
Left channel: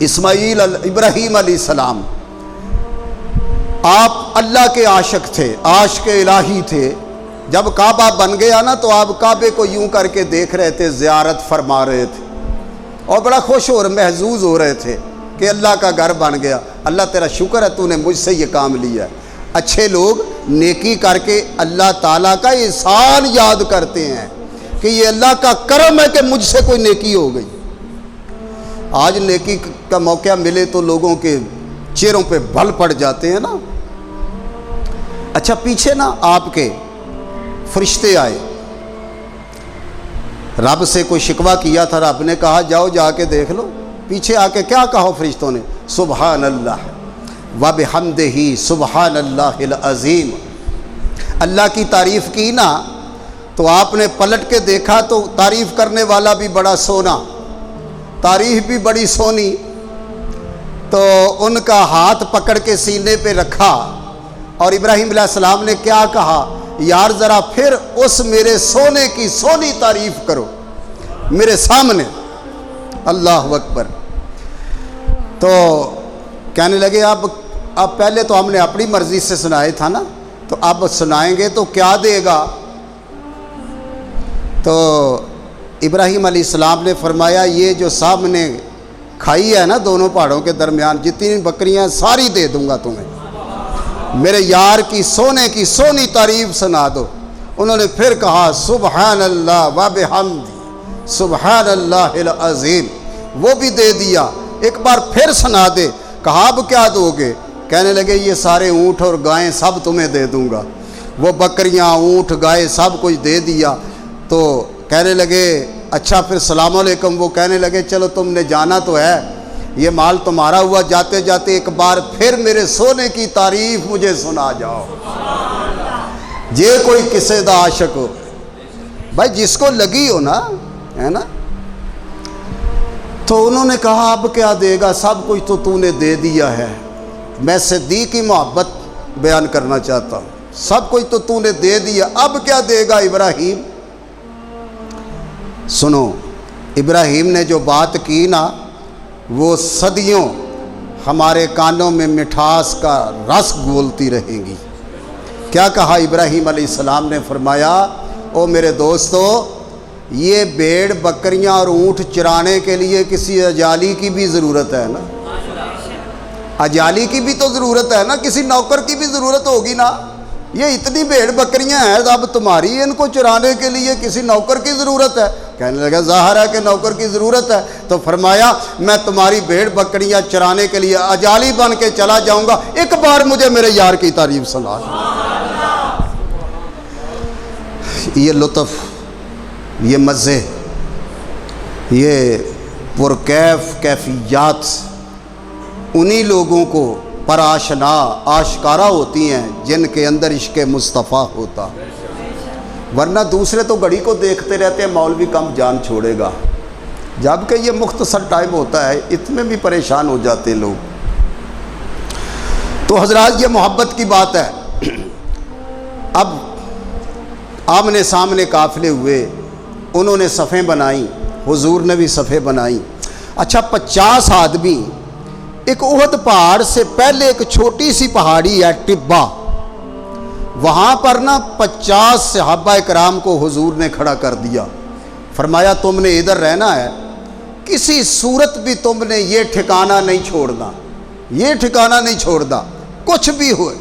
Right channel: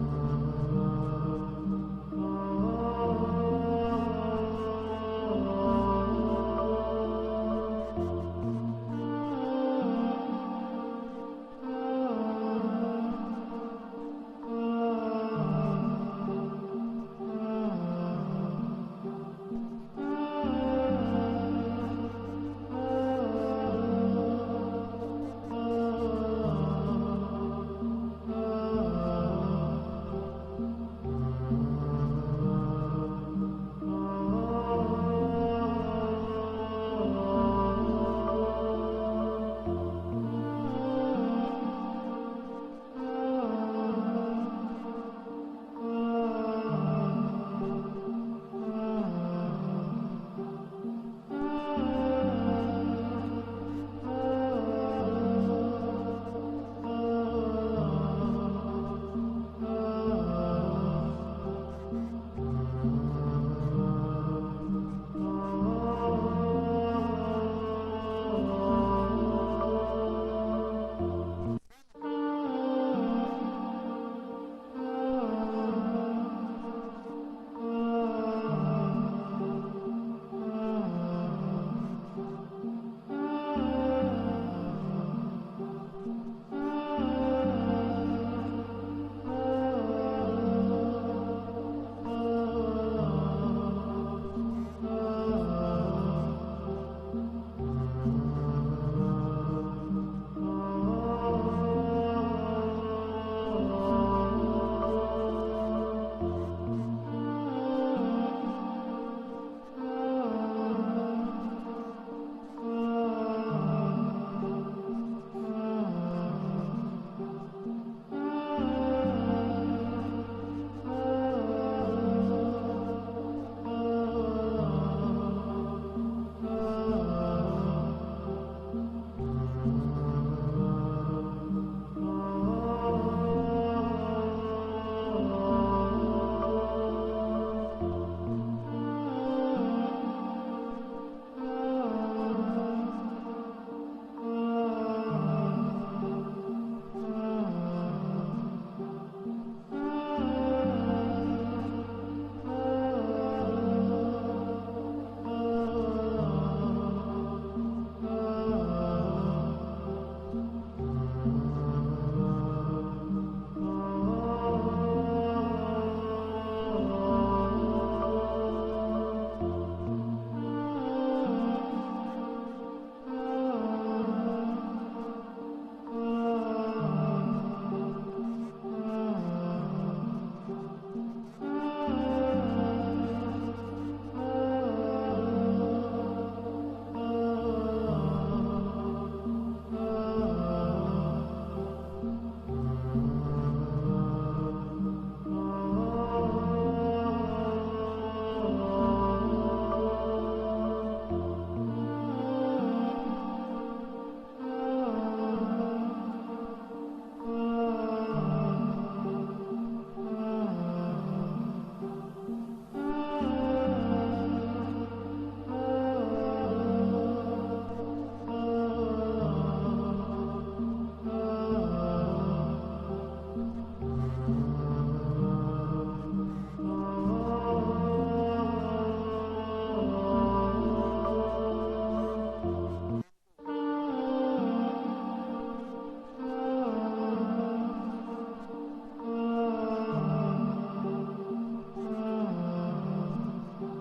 ابراہیم علیہ السلام آپ اللہ کے عاشق تھے، عاشق الہی تھے۔ جب کعبہ بن گیا نا تو آپ کعبے کو یوں کر کے دیکھ رہے تھے، زیارت فرما رہے تھے اور بڑا خوش اور محظوظ ہو رہے تھے کہ اللہ کا گھر بن گیا۔ اللہ تیرا شکر ہے تو نے مجھ سے یہ کام لیا ہے۔ اچھے لوگ نیکی کر کے اللہ تعالیٰ کا احسان یاد کرتے ہیں کہ یہ اللہ کا کرم ہے کہ مجھ سے کوئی نیکی ہو گئی۔ آج نیکی کا موقع ملے تو لوگوں کے چہروں پہ بھل پڑ جاتے ہیں نا۔ اچھا پیچھے نا آپ کے فرشتے آئے، رب سے کوئی شکوہ کیا تھا، رب نے کہا جاؤ جا کے دیکھ لو۔ پیچھے آ کے کیا کہا فرشتوں نے؟ سبحان اللہ وبحمدہ سبحان اللہ العظیم۔ اللہ کی تعریف کی نا تو آپ نے پلٹ کے دیکھا تو تعریف کرنے والا بھی بڑا سونا، تعریف بھی بڑی سونی، تو ان کا ہاتھ پکڑ کے سینے پہ رکھا اور ابراہیم علیہ السلام نے کیا کہا؟ یار ذرا پھر اس میرے سونے کی سونی تعریف کرو میرے سامنے۔ اللہ اکبر۔ تو کہنے لگے اب پہلے تو ہم نے اپنی مرضی سے سنائے تھا نا، تو اب سنائیں گے تو کیا دے گا؟ تو ابراہیم علیہ السلام نے فرمایا یہ جو سامنے کھائی ہے نا دونوں پہاڑوں کے درمیان جتنی بکریاں ساری دے دوں گا تمہیں، میرے یار کی سونے کی سونی تعریف سنا دو۔ انہوں نے پھر کہا سبحان اللہ وبحمدہ سبحان اللہ العظیم، وہ بھی دے دیا۔ ایک بار پھر سنا دے۔ کہا اب کیا دو گے؟ کہنے لگے یہ سارے اونٹ اور گائیں سب تمہیں دے دوں گا۔ وہ بکریاں اونٹ گائے سب کچھ دے دیا۔ تو کہنے لگے اچھا پھر السلام علیکم۔ وہ کہنے لگے چلو تم نے جانا تو ہے، یہ مال تمہارا ہوا، جاتے جاتے ایک بار پھر میرے سونے کی تعریف مجھے سنا جاؤ۔ جے کوئی کسے دا عاشق ہو بھائی، جس کو لگی ہو نا، ہے نا۔ تو انہوں نے کہا اب کیا دے گا؟ سب کچھ تو نے دے دیا ہے۔ میں صدیق کی محبت بیان کرنا چاہتا ہوں، سب کچھ تو نے دے دیا، اب کیا دے گا ابراہیم؟ سنو، ابراہیم نے جو بات کی نا وہ صدیوں ہمارے کانوں میں مٹھاس کا رس گھولتی رہے گی۔ کیا کہا ابراہیم علیہ السلام نے؟ فرمایا او میرے دوستو، یہ بھیڑ بکریاں اور اونٹ چرانے کے لیے کسی اجالی کی بھی ضرورت ہے نا، اجالی کی بھی تو ضرورت ہے نا، کسی نوکر کی بھی ضرورت ہوگی نا۔ یہ اتنی بھیڑ بکریاں ہیں اب تمہاری، ان کو چرانے کے لیے کسی نوکر کی ضرورت ہے؟ کہنے لگا ظاہر ہے کہ نوکر کی ضرورت ہے۔ تو فرمایا میں تمہاری بھیڑ بکریاں چرانے کے لیے اجالی بن کے چلا جاؤں گا، ایک بار مجھے میرے یار کی تعریف سنا۔ یہ لطف، یہ مزے، یہ پرکیف کیفیات انہی لوگوں کو پر آشنا آشکارا ہوتی ہیں جن کے اندر عشق مصطفیٰ ہوتا، ورنہ دوسرے تو گھڑی کو دیکھتے رہتے ہیں مولوی کم جان چھوڑے گا، جبکہ یہ مختصر ٹائم ہوتا ہے، اتنے بھی پریشان ہو جاتے ہیں لوگ۔ تو حضرات یہ محبت کی بات ہے۔ اب آمنے سامنے قافلے ہوئے، انہوں نے صفیں بنائیں، حضور نے بھی صفیں بنائیں۔ اچھا 50 آدمی، ایک احد پہاڑ سے پہلے ایک چھوٹی سی پہاڑی ہے ٹبا، وہاں پر نا 50 صحابہ کرام کو حضور نے کھڑا کر دیا۔ فرمایا تم نے ادھر رہنا ہے، کسی صورت بھی تم نے یہ ٹھکانہ نہیں چھوڑنا، یہ ٹھکانہ نہیں چھوڑنا، کچھ بھی ہوئے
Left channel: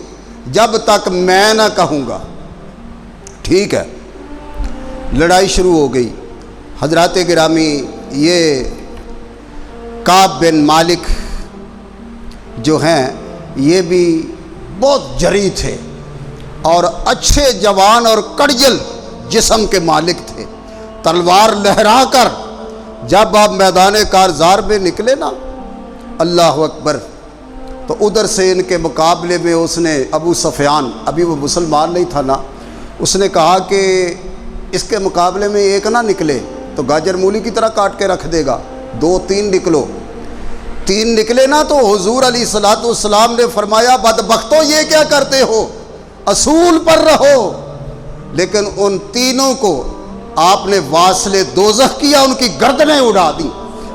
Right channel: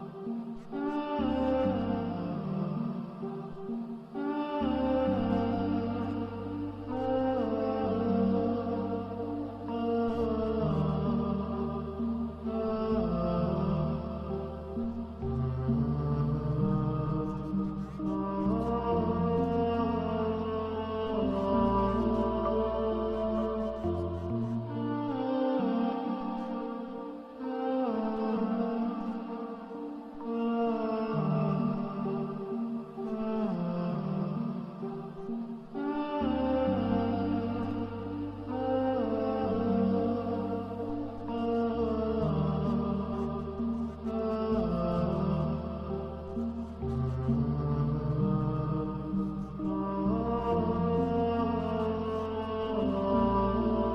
جب تک میں نہ کہوں گا۔ ٹھیک ہے، لڑائی شروع ہو گئی، حضرات گرامی، یہ کعب بن مالک جو ہیں یہ بھی بہت جری تھے اور اچھے جوان اور کڑجل جسم کے مالک تھے۔ تلوار لہرا کر جب آپ میدان کارزار میں نکلے نا، اللہ اکبر، تو ادھر سے ان کے مقابلے میں اس نے ابو سفیان، ابھی وہ مسلمان نہیں تھا نا، اس نے کہا کہ اس کے مقابلے میں ایک نہ نکلے تو گاجر مولی کی طرح کاٹ کے رکھ دے گا، 2-3 نکلو۔ 3 نکلے نا تو حضور علیہ الصلوۃ والسلام نے فرمایا بدبختو یہ کیا کرتے ہو، اصول پر رہو۔ لیکن ان تینوں کو آپ نے واصل دوزخ کیا، ان کی گردنیں اڑا دی۔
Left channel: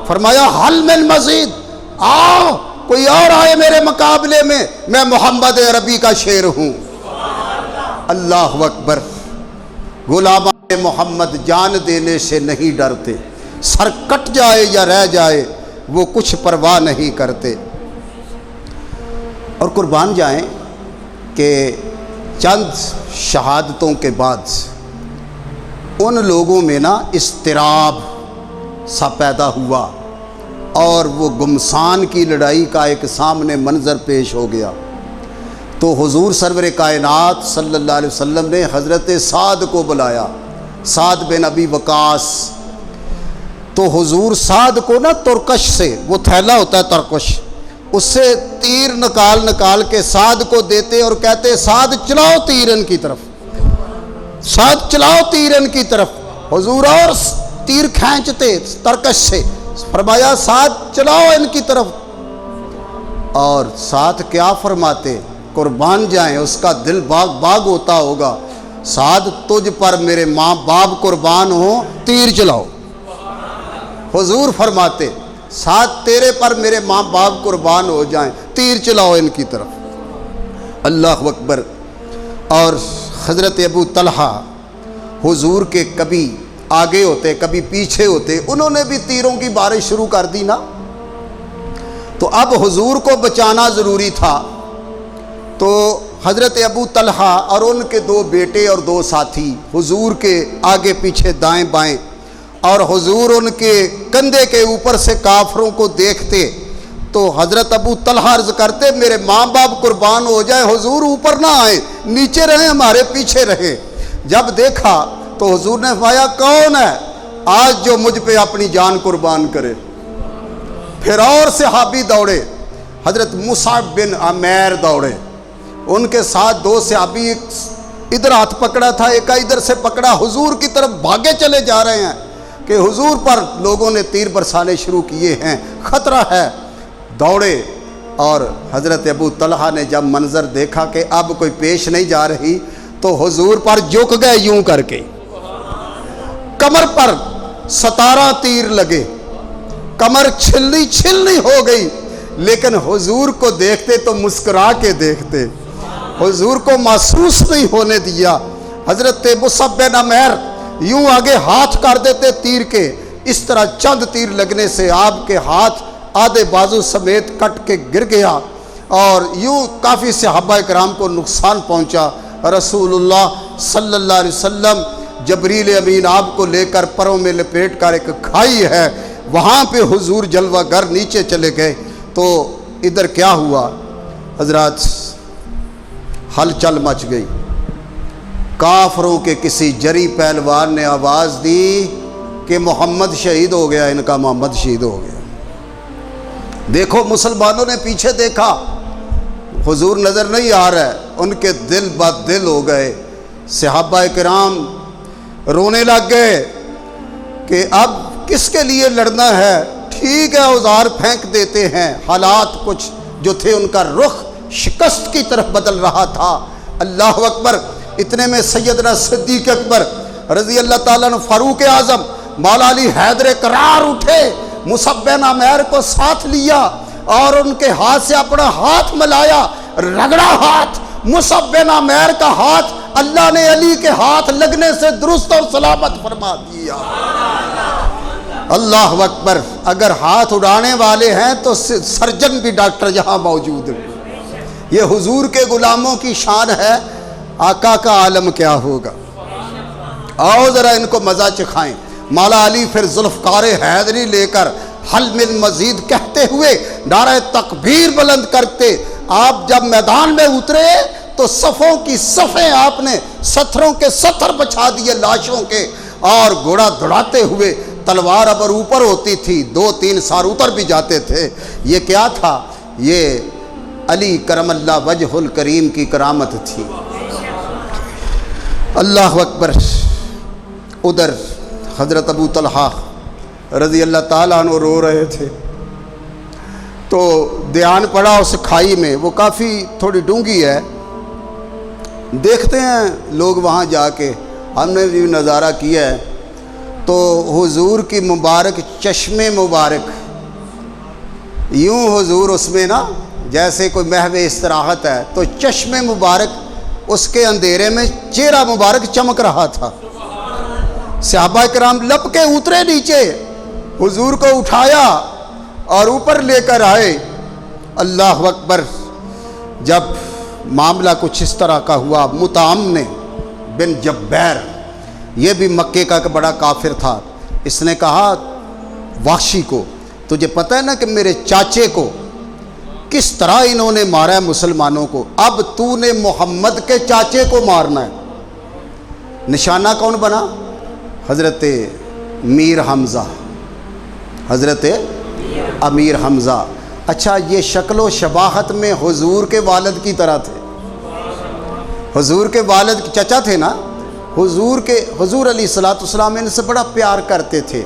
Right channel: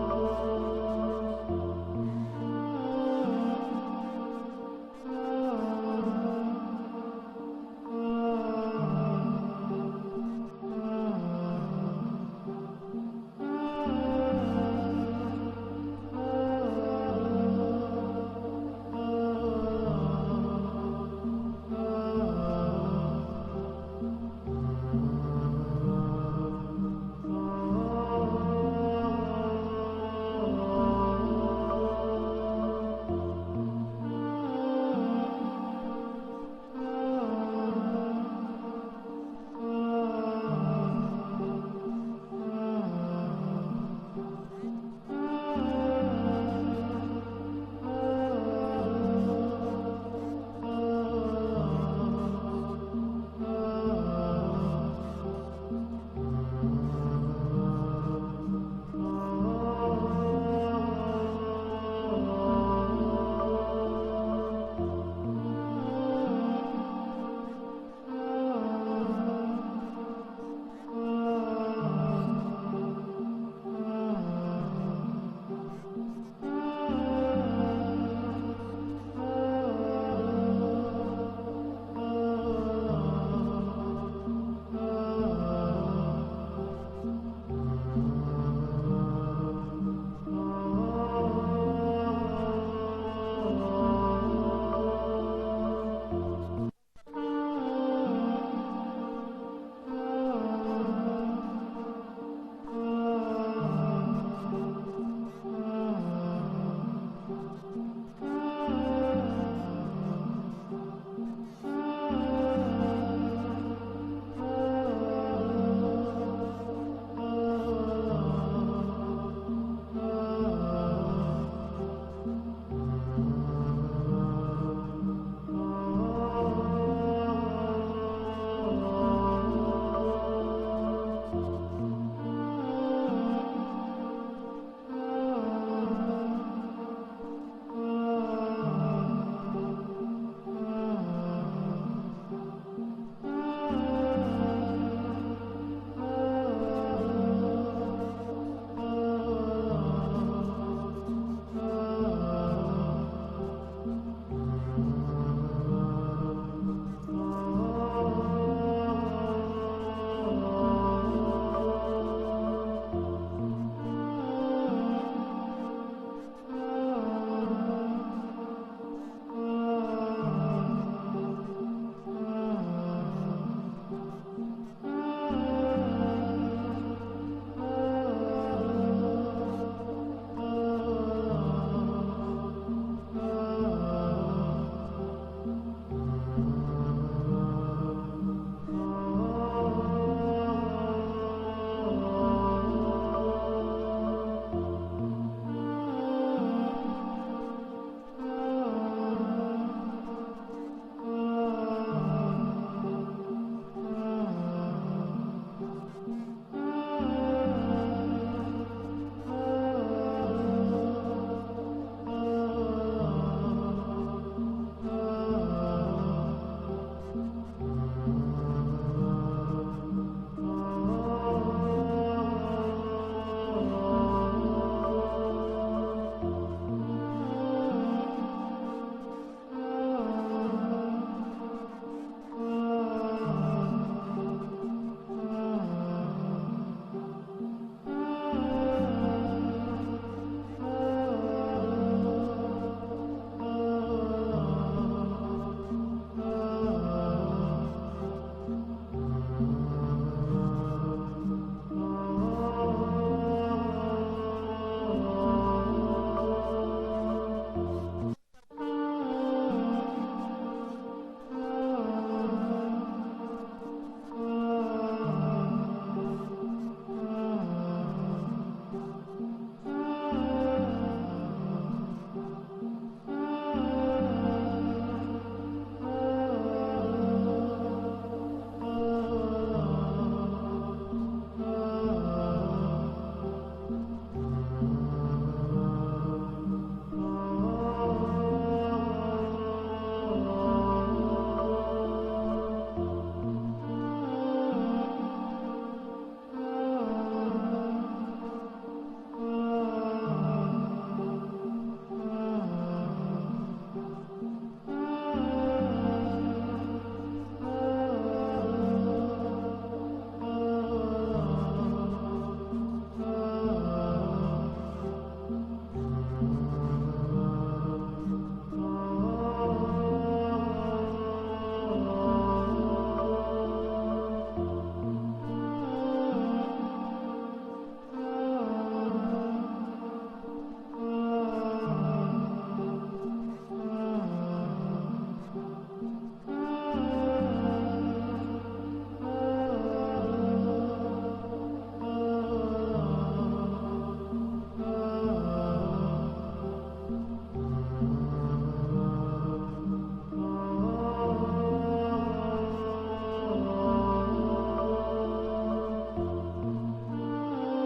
فرمایا حل من مزید، آؤ کوئی اور آئے میرے مقابلے میں محمد عربی کا شیر ہوں۔ اللہ اکبر۔ غلامان محمد جان دینے سے نہیں ڈرتے، سر کٹ جائے یا رہ جائے وہ کچھ پرواہ نہیں کرتے۔ اور قربان جائیں کہ چند شہادتوں کے بعد ان لوگوں میں نا اضطراب سا پیدا ہوا اور وہ گمسان کی لڑائی کا ایک سامنے منظر پیش ہو گیا۔ تو حضور سرور کائنات صلی اللہ علیہ وسلم نے حضرت سعد کو بلایا، سعد بن ابی وقاص۔ تو حضور سعد کو نا ترکش سے، وہ تھیلا ہوتا ہے ترکش، اس سے تیر نکال کے سعد کو دیتے اور کہتے سعد چلاؤ تیر ان کی طرف، سعد چلاؤ تیر ان کی طرف۔ حضور اور تیر کھینچتے ترکش سے، فرمایا سعد چلاؤ ان کی طرف۔ اور سعد کیا فرماتے، قربان جائیں اس کا دل باغ ہوتا ہوگا، سعد تجھ پر میرے ماں باپ قربان ہوں، تیر چلاؤ۔ حضور فرماتے سعد تیرے پر میرے ماں باپ قربان ہو جائیں، تیر چلاؤ ان کی طرف۔ اللہ اکبر۔ اور حضرت ابو طلحہ حضور کے کبھی آگے ہوتے کبھی پیچھے ہوتے، انہوں نے بھی تیروں کی بارش شروع کر دی نا، تو اب حضور کو بچانا ضروری تھا۔ تو حضرت ابو طلحہ اور ان کے 2 بیٹے اور 2 ساتھی حضور کے آگے پیچھے دائیں بائیں، اور حضور ان کے کندھے کے اوپر سے کافروں کو دیکھتے تو حضرت ابو طلحہ عرض کرتے میرے ماں باپ قربان ہو جائے، حضور اوپر نہ آئیں، نیچے رہیں، ہمارے پیچھے رہیں۔ جب دیکھا تو حضور نے فرمایا کون ہے آج جو مجھ پہ اپنی جان قربان کرے؟ پھر اور صحابی دوڑے، حضرت مصعب بن عمیر دوڑے، ان کے ساتھ 2 صحابی، ایک ادھر ہاتھ پکڑا تھا، ایک ادھر سے پکڑا، حضور کی طرف بھاگے چلے جا رہے ہیں کہ حضور پر لوگوں نے تیر برسانے شروع کیے ہیں، خطرہ ہے۔ دوڑے، اور حضرت ابو طلحہ نے جب منظر دیکھا کہ اب کوئی پیش نہیں جا رہی تو حضور پر جھک گئے یوں کر کے، کمر پر 17 تیر لگے، کمر چھلنی ہو گئی، لیکن حضور کو دیکھتے تو مسکرا کے دیکھتے، حضور کو محسوس نہیں ہونے دیا۔ حضرت مصعب بن عمیر یوں آگے ہاتھ کر دیتے تیر کے، اس طرح چند تیر لگنے سے آپ کے ہاتھ آدھے بازو سمیت کٹ کے گر گیا، اور یوں کافی صحابہ کرام کو نقصان پہنچا۔ رسول اللہ صلی اللہ علیہ وسلم جبریل امین آپ کو لے کر پروں میں لپیٹ کر ایک کھائی ہے، وہاں پہ حضور جلوہ گر نیچے چلے گئے۔ تو ادھر کیا ہوا حضرات، ہلچل مچ گئی۔ کافروں کے کسی جری پہلوان نے آواز دی کہ محمد شہید ہو گیا، ان کا محمد شہید ہو گیا۔ دیکھو مسلمانوں نے پیچھے دیکھا، حضور نظر نہیں آ رہا ہے، ان کے دل بد دل ہو گئے۔ صحابہ کرام رونے لگ گئے کہ اب کس کے لیے لڑنا ہے، ٹھیک ہے اوزار پھینک دیتے ہیں۔ حالات کچھ جو تھے ان کا رخ شکست کی طرف بدل رہا تھا۔ اللہ اکبر۔ اتنے میں سیدنا صدیق اکبر رضی اللہ تعالیٰ عنہ، فاروق اعظم، مولا علی حیدر کرار اٹھے، مصعب بن عمیر کو ساتھ لیا اور ان کے ہاتھ سے اپنا ہاتھ ملایا، رگڑا ہاتھ، مصعب بن عمیر کا ہاتھ اللہ نے علی کے ہاتھ لگنے سے درست اور سلامت فرما دیا۔ اللہ اکبر۔ اگر ہاتھ اڑانے والے ہیں تو سرجن بھی ڈاکٹر یہاں موجود ہیں۔ یہ حضور کے غلاموں کی شان ہے، آقا کا عالم کیا ہوگا۔ آؤ ذرا ان کو مزہ چکھائیں۔ مولا علی پھر ذوالفقار حیدری لے کر حل من مزید کہتے ہوئے نعرہ تکبیر بلند کرتے آپ جب میدان میں اترے تو صفوں کی صفیں آپ نے ستروں کے ستر بچھا دیے لاشوں کے، اور گھوڑا دوڑاتے ہوئے تلوار ابر اوپر ہوتی تھی 2-3 سار اتر بھی جاتے تھے۔ یہ کیا تھا؟ یہ علی کرم اللہ وجہ الکریم کی کرامت تھی۔ اللہ اکبر۔ ادھر حضرت ابو طلحہ رضی اللہ تعالیٰ عنہ رو رہے تھے تو دھیان پڑا اس کھائی میں، وہ کافی تھوڑی ڈونگی ہے، دیکھتے ہیں لوگ وہاں جا کے، ہم نے بھی نظارہ کیا ہے، تو حضور کی مبارک چشم مبارک، یوں حضور اس میں نا جیسے کوئی محو استراحت ہے، تو چشم مبارک اس کے اندھیرے میں چہرہ مبارک چمک رہا تھا۔ صحابہ کرام لپ کے اترے نیچے، حضور کو اٹھایا اور اوپر لے کر آئے۔ اللہ اکبر۔ جب معاملہ کچھ اس طرح کا ہوا، مطعم بن جبیر، یہ بھی مکے کا بڑا کافر تھا، اس نے کہا وحشی کو، تجھے پتہ ہے نا کہ میرے چاچے کو کس طرح انہوں نے مارا ہے مسلمانوں کو، اب تو نے محمد کے چاچے کو مارنا ہے۔ نشانہ کون بنا؟ حضرت میر حمزہ، حضرت امیر حمزہ۔ اچھا، یہ شکل و شباہت میں حضور کے والد کی طرح تھے، حضور کے والد کے چچا تھے نا، حضور علیہ السلام ان سے بڑا پیار کرتے تھے،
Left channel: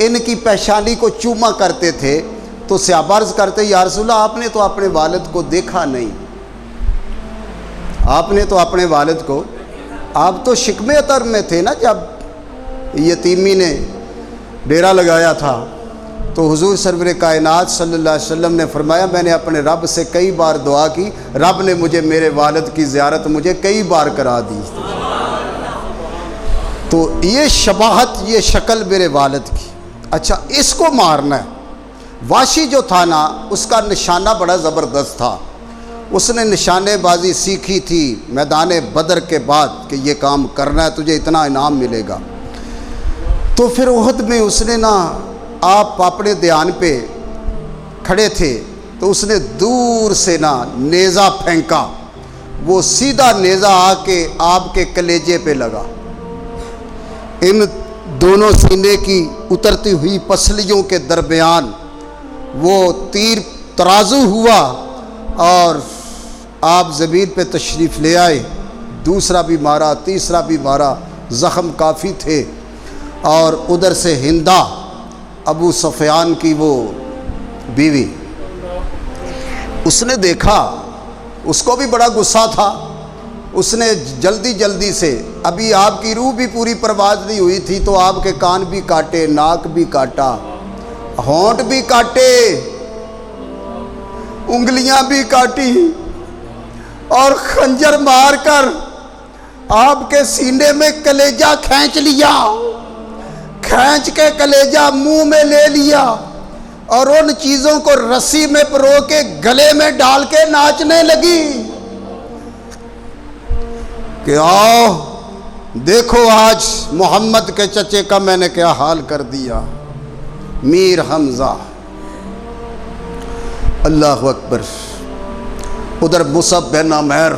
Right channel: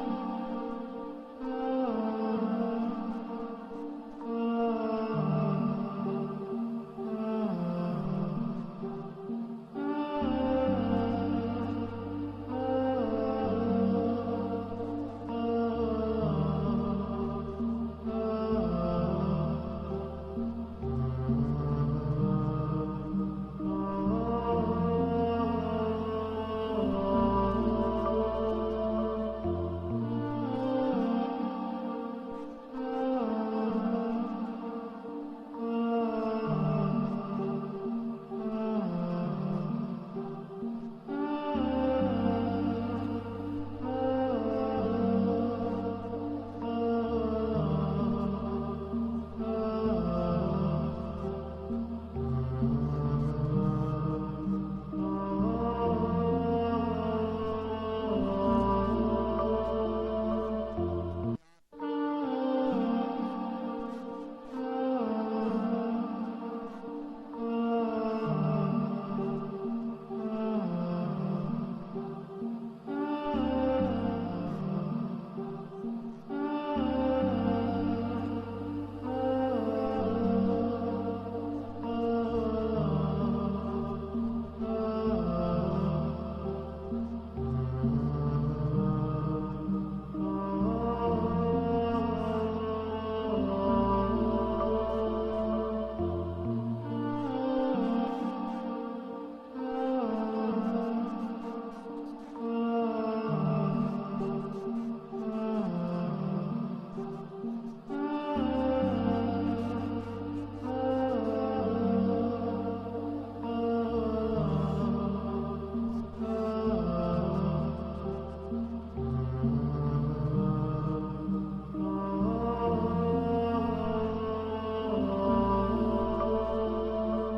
ان کی پیشانی کو چوما کرتے تھے، تو صحابہ عرض کرتے یا رسول اللہ آپ نے تو اپنے والد کو دیکھا نہیں، آپ نے تو اپنے والد کو، آپ تو شکم اطہر میں تھے نا جب یتیمی نے ڈیرا لگایا تھا، تو حضور سرور کائنات صلی اللہ علیہ وسلم نے فرمایا میں نے اپنے رب سے کئی بار دعا کی، رب نے مجھے میرے والد کی زیارت مجھے کئی بار کرا دی۔ تو یہ شباہت، یہ شکل میرے والد کی۔ اچھا، اس کو مارنا ہے۔ واشی جو تھا نا، اس کا نشانہ بڑا زبردست تھا، اس نے نشانے بازی سیکھی تھی میدان بدر کے بعد کہ یہ کام کرنا ہے، تجھے اتنا انعام ملے گا۔ تو پھر احد میں اس نے نا، آپ اپنے دھیان پہ کھڑے تھے تو اس نے دور سے نا نیزہ پھینکا، وہ سیدھا نیزہ آ کے آپ کے کلیجے پہ لگا، ان دونوں سینے کی اترتی ہوئی پسلیوں کے درمیان وہ تیر ترازو ہوا اور آپ زمین پہ تشریف لے آئے، دوسرا بھی مارا، تیسرا بھی مارا، زخم کافی تھے۔ اور ادھر سے ہندہ، ابو سفیان کی وہ بیوی، اس نے دیکھا، اس کو بھی بڑا غصہ تھا، اس نے جلدی سے، ابھی آپ کی روح بھی پوری پرواز نہیں ہوئی تھی تو آپ کے کان بھی کاٹے، ناک بھی کاٹا، ہونٹ بھی کاٹے، انگلیاں بھی کاٹی، اور خنجر مار کر آپ کے سینے میں کلیجہ کھینچ لیا، کھینچ کے کلیجہ منہ میں لے لیا، اور ان چیزوں کو رسی میں پرو کے گلے میں ڈال کے ناچنے لگی کہ آؤ دیکھو آج محمد کے چچے کا میں نے کیا حال کر دیا، میر حمزہ۔ اللہ اکبر۔ ادھر مصعب بن عمیر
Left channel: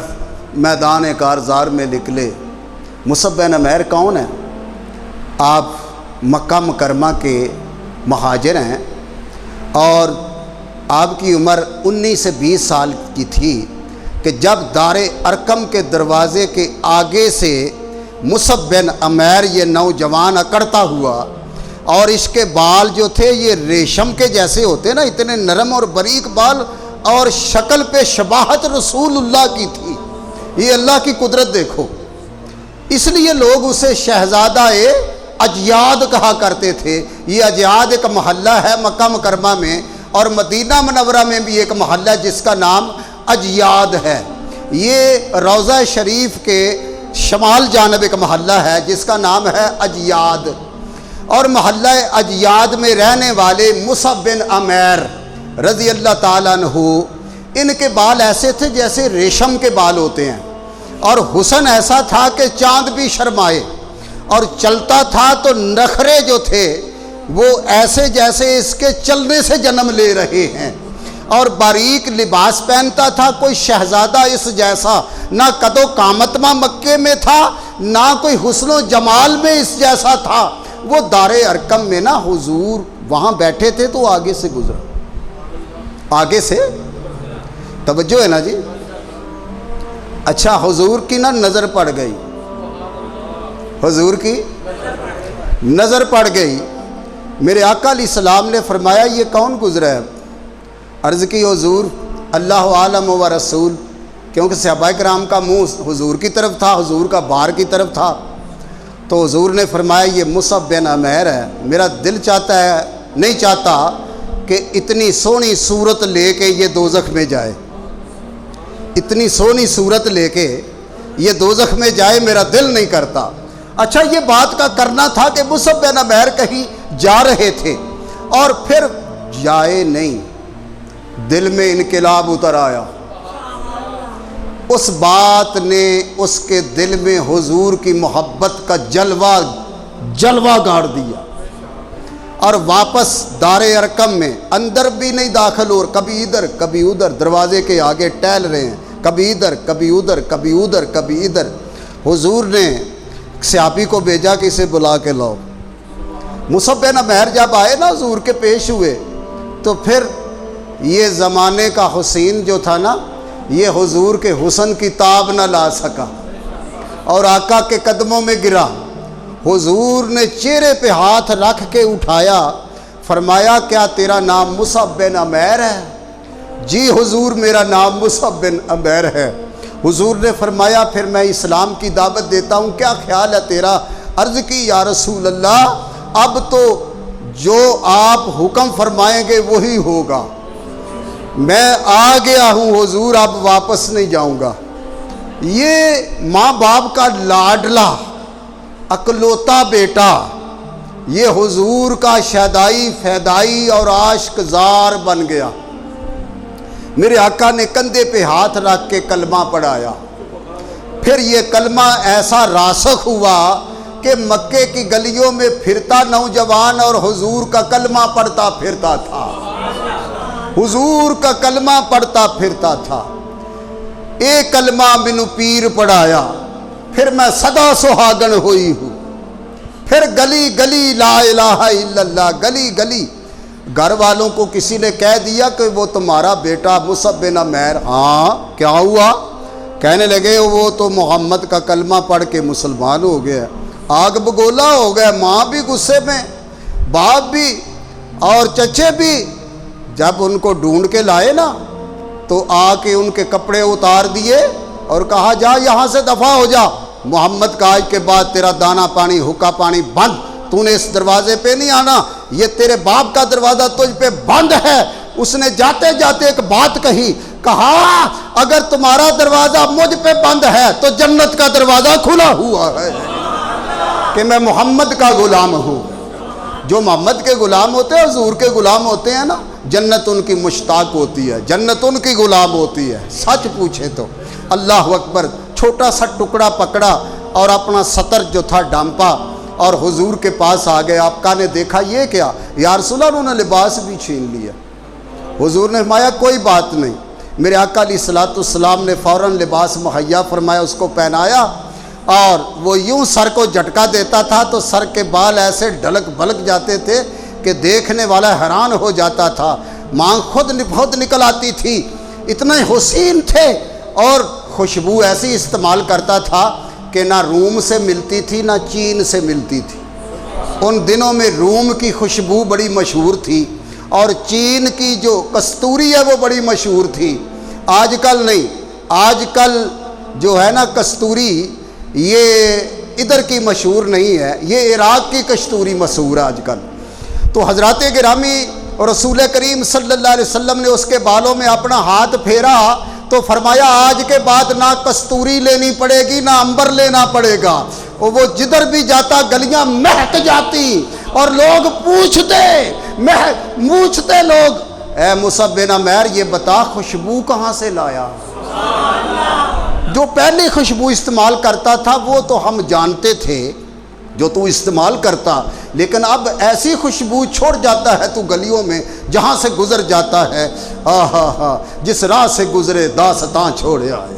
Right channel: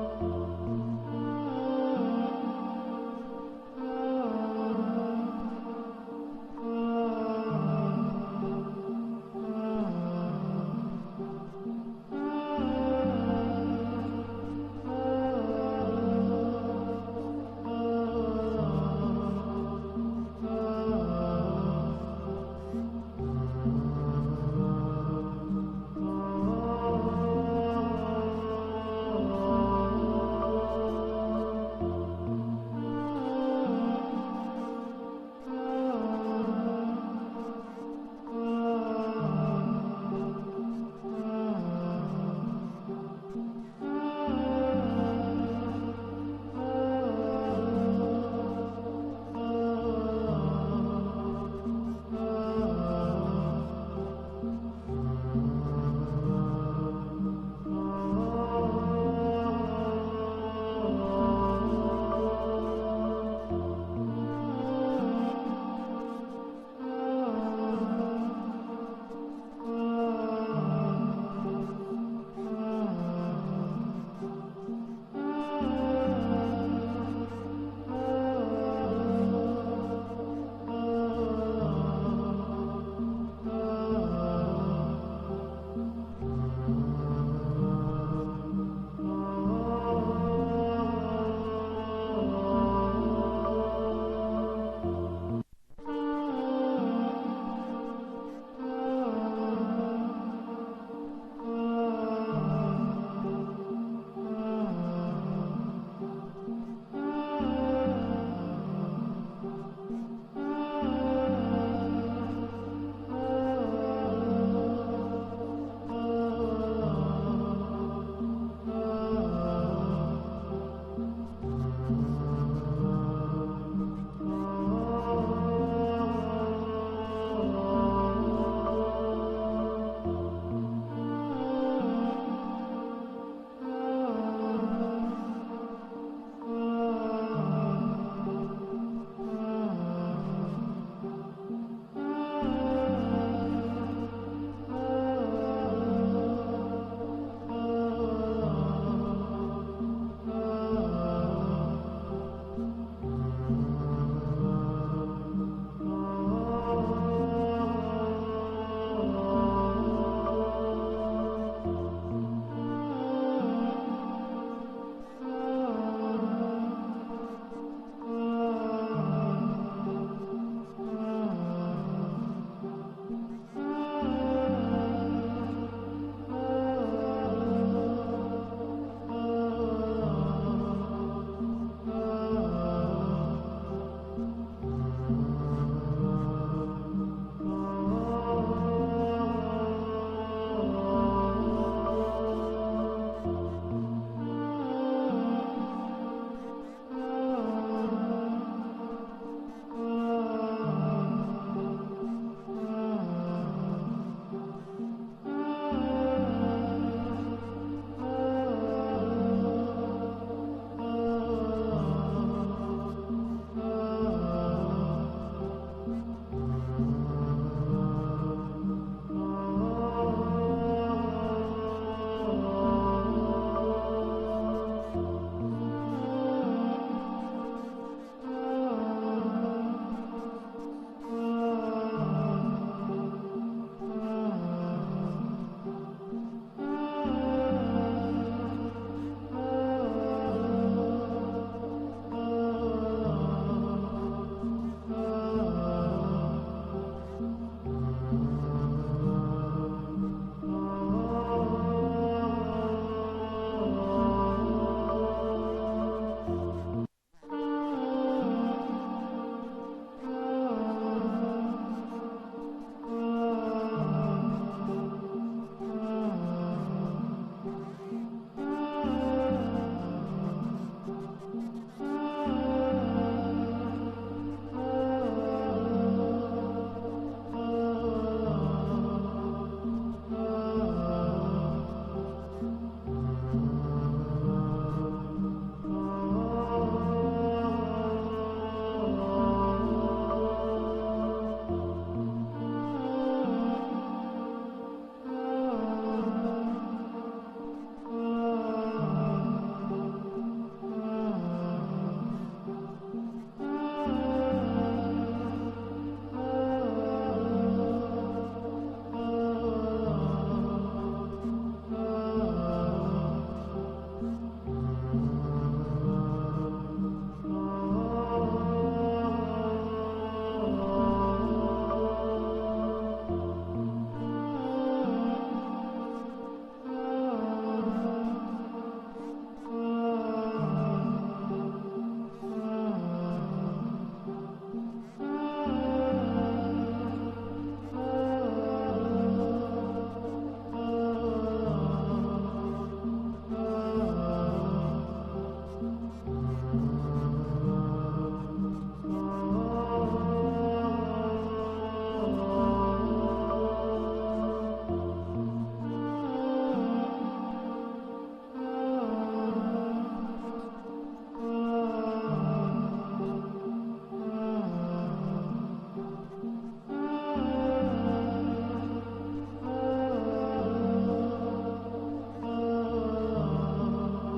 میدان کارزار میں نکلے۔ مصعب بن عمیر کون ہے؟ آپ مکہ مکرمہ کے مہاجر ہیں، اور آپ کی عمر 19 سے 20 سال کی تھی کہ جب دار ارقم کے دروازے کے آگے سے مصعب بن عمیر یہ نوجوان اکڑتا ہوا، اور اس کے بال جو تھے یہ ریشم کے جیسے ہوتے نا، اتنے نرم اور باریک بال، اور شکل پہ شباہت رسول اللہ کی تھی۔ یہ اللہ کی قدرت دیکھو، اس لیے لوگ اسے شہزادہ اجیاد کہا کرتے تھے۔ یہ اجیاد ایک محلہ ہے مکہ مکرمہ میں، اور مدینہ منورہ میں بھی ایک محلہ جس کا نام اجیاد ہے۔ یہ روضہ شریف کے شمال جانب ایک محلہ ہے جس کا نام ہے اجیاد، اور محلہ اجیاد میں رہنے والے مصعب بن عمیر رضی اللہ تعالیٰ عنہ، ان کے بال ایسے تھے جیسے ریشم کے بال ہوتے ہیں، اور حسن ایسا تھا کہ چاند بھی شرمائے، اور چلتا تھا تو نخرے جو تھے وہ ایسے جیسے اس کے چلنے سے جنم لے رہے ہیں، اور باریک لباس پہنتا تھا، کوئی شہزادہ اس جیسا نہ قد و قامتما مکے میں تھا، نہ کوئی حسن و جمال میں اس جیسا تھا۔ وہ دار ارقم میں نا حضور وہاں بیٹھے تھے تو آگے سے گزرا، آگے سے توجہ ہے نا جی۔ اچھا حضور کی نا نظر پڑ گئی، حضور کی نظر پڑ گئی، میرے آقا علیہ السلام نے فرمایا یہ کون گزرا ہے؟ عرض کی حضور اللہ عالم و رسول، کیونکہ صحابہ کرام کا منہ حضور کی طرف تھا، حضور کا بار کی طرف تھا، تو حضور نے فرمایا یہ مصعب بن عمیر ہے۔ میرا دل چاہتا ہے، نہیں چاہتا کہ اتنی سونی صورت لے کے یہ دوزخ میں جائے، اتنی سونی صورت لے کے یہ دوزخ میں جائے، میرا دل نہیں کرتا۔ اچھا یہ بات کا کرنا تھا کہ مصعب بن عمیر کہیں جا رہے تھے اور پھر جائے نہیں، دل میں انقلاب اتر آیا، اس بات نے اس کے دل میں حضور کی محبت کا جلوہ گاڑ دیا، اور واپس دار ارقم میں اندر بھی نہیں داخل ہو، کبھی ادھر کبھی ادھر دروازے کے آگے ٹہل رہے ہیں، کبھی ادھر کبھی ادھر کبھی ادھر کبھی ادھر۔ حضور نے صحابی کو بھیجا کہ اسے بلا کے لاؤ۔ مصعب بن عمیر جب آئے نا حضور کے پیش ہوئے تو پھر یہ زمانے کا حسین جو تھا نا، یہ حضور کے حسن کی تاب نہ لا سکا اور آقا کے قدموں میں گرا۔ حضور نے چہرے پہ ہاتھ رکھ کے اٹھایا، فرمایا کیا تیرا نام مصعب بن عمیر ہے؟ جی حضور میرا نام مصعب بن عمیر ہے۔ حضور نے فرمایا پھر میں اسلام کی دعوت دیتا ہوں، کیا خیال ہے تیرا؟ عرض کی یا رسول اللہ اب تو جو آپ حکم فرمائیں گے وہی ہوگا، میں آ گیا ہوں حضور، اب واپس نہیں جاؤں گا۔ یہ ماں باپ کا لاڈلا اکلوتا بیٹا، یہ حضور کا شیدائی فیدائی اور عاشق زار بن گیا۔ میرے آقا نے کندھے پہ ہاتھ رکھ کے کلمہ پڑھایا، پھر یہ کلمہ ایسا راسخ ہوا کہ مکے کی گلیوں میں پھرتا نوجوان اور حضور کا کلمہ پڑھتا پھرتا تھا، حضور کا کلمہ پڑھتا پھرتا تھا۔ ایک کلمہ منو پیر پڑھایا، پھر میں صدا سہاگن ہوئی ہوں، پھر گلی گلی لا الہ الا اللہ، گلی گلی۔ گھر والوں کو کسی نے کہہ دیا کہ وہ تمہارا بیٹا مصعب بن عمیر۔ ہاں کیا ہوا؟ کہنے لگے وہ تو محمد کا کلمہ پڑھ کے مسلمان ہو گیا، آگ بگولا ہو گیا۔ ماں بھی غصے میں، باپ بھی اور چچے بھی۔ جب ان کو ڈھونڈ کے لائے نا تو آ کے ان کے کپڑے اتار دیے اور کہا جا یہاں سے دفع ہو جا، محمد کا آج کے بعد تیرا دانا پانی حکا پانی بند، تو نے اس دروازے پہ نہیں آنا، یہ تیرے باپ کا دروازہ تجھ پہ بند ہے۔ اس نے جاتے جاتے ایک بات کہی، کہا اگر تمہارا دروازہ مجھ پہ بند ہے تو جنت کا دروازہ کھلا ہوا ہے کہ میں محمد کا غلام ہوں۔ جو محمد کے غلام ہوتے ہیں، حضور کے غلام ہوتے ہیں نا، جنت ان کی مشتاق ہوتی ہے، جنت ان کی غلام ہوتی ہے۔ سچ پوچھے تو اللہ اکبر، چھوٹا سا ٹکڑا پکڑا اور اپنا سطر جو تھا ڈانپا اور حضور کے پاس آ گئے۔ آقا نے دیکھا یہ کیا؟ یا رسول اللہ انہوں نے لباس بھی چھین لیا۔ حضور نے فرمایا کوئی بات نہیں۔ میرے آقا علیہ الصلوۃ والسلام نے فوراً لباس مہیا فرمایا، اس کو پہنایا، اور وہ یوں سر کو جھٹکا دیتا تھا تو سر کے بال ایسے ڈھلک بھلک جاتے تھے کہ دیکھنے والا حیران ہو جاتا تھا۔ مانگ خود نکل آتی تھی، اتنے حسین تھے، اور خوشبو ایسی استعمال کرتا تھا کہ نہ روم سے ملتی تھی نہ چین سے ملتی تھی۔ ان دنوں میں روم کی خوشبو بڑی مشہور تھی اور چین کی جو کستوری ہے وہ بڑی مشہور تھی۔ آج کل نہیں، آج کل جو ہے نا کستوری، یہ ادھر کی مشہور نہیں ہے، یہ عراق کی کستوری مشہور ہے آج کل۔ تو حضرات گرامی اور رسول کریم صلی اللہ علیہ وسلم نے اس کے بالوں میں اپنا ہاتھ پھیرا تو فرمایا آج کے بعد نہ کستوری لینی پڑے گی نہ عنبر لینا پڑے گا۔ وہ جدھر بھی جاتا گلیاں مہک جاتی اور لوگ پوچھتے لوگ، اے مصعب بن عمیر یہ بتا خوشبو کہاں سے لایا؟ جو پہلی خوشبو استعمال کرتا تھا وہ تو ہم جانتے تھے، جو تو استعمال کرتا، لیکن اب ایسی خوشبو چھوڑ جاتا ہے تو گلیوں میں جہاں سے گزر جاتا ہے، جس راہ سے گزرے داستاں چھوڑے آئے۔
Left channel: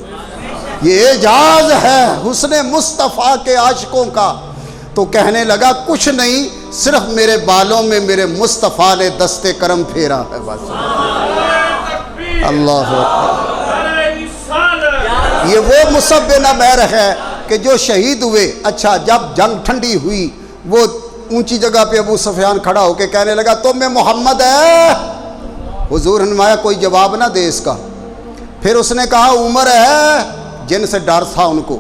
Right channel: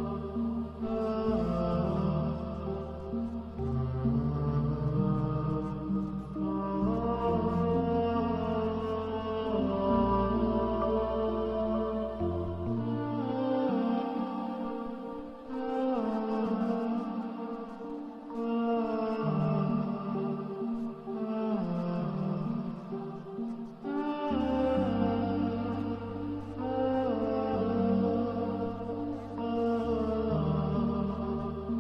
یہ اعجاز ہے حسن مصطفیٰ کے عاشقوں کا۔ تو کہنے لگا کچھ نہیں، صرف میرے بالوں میں میرے مصطفیٰ نے دست کرم پھیرا ہے بس۔ اللہ اکبر۔ یہ وہ مصعب بن عمیر ہے کہ جو شہید ہوئے۔ اچھا، جب جنگ ٹھنڈی ہوئی، وہ اونچی جگہ پہ ابو سفیان کھڑا ہو کے کہنے لگا تم میں محمد ہے؟ حضور نے فرمایا کوئی جواب نہ دے اس کا۔ پھر اس نے کہا عمر ہے، جن سے ڈر تھا ان کو۔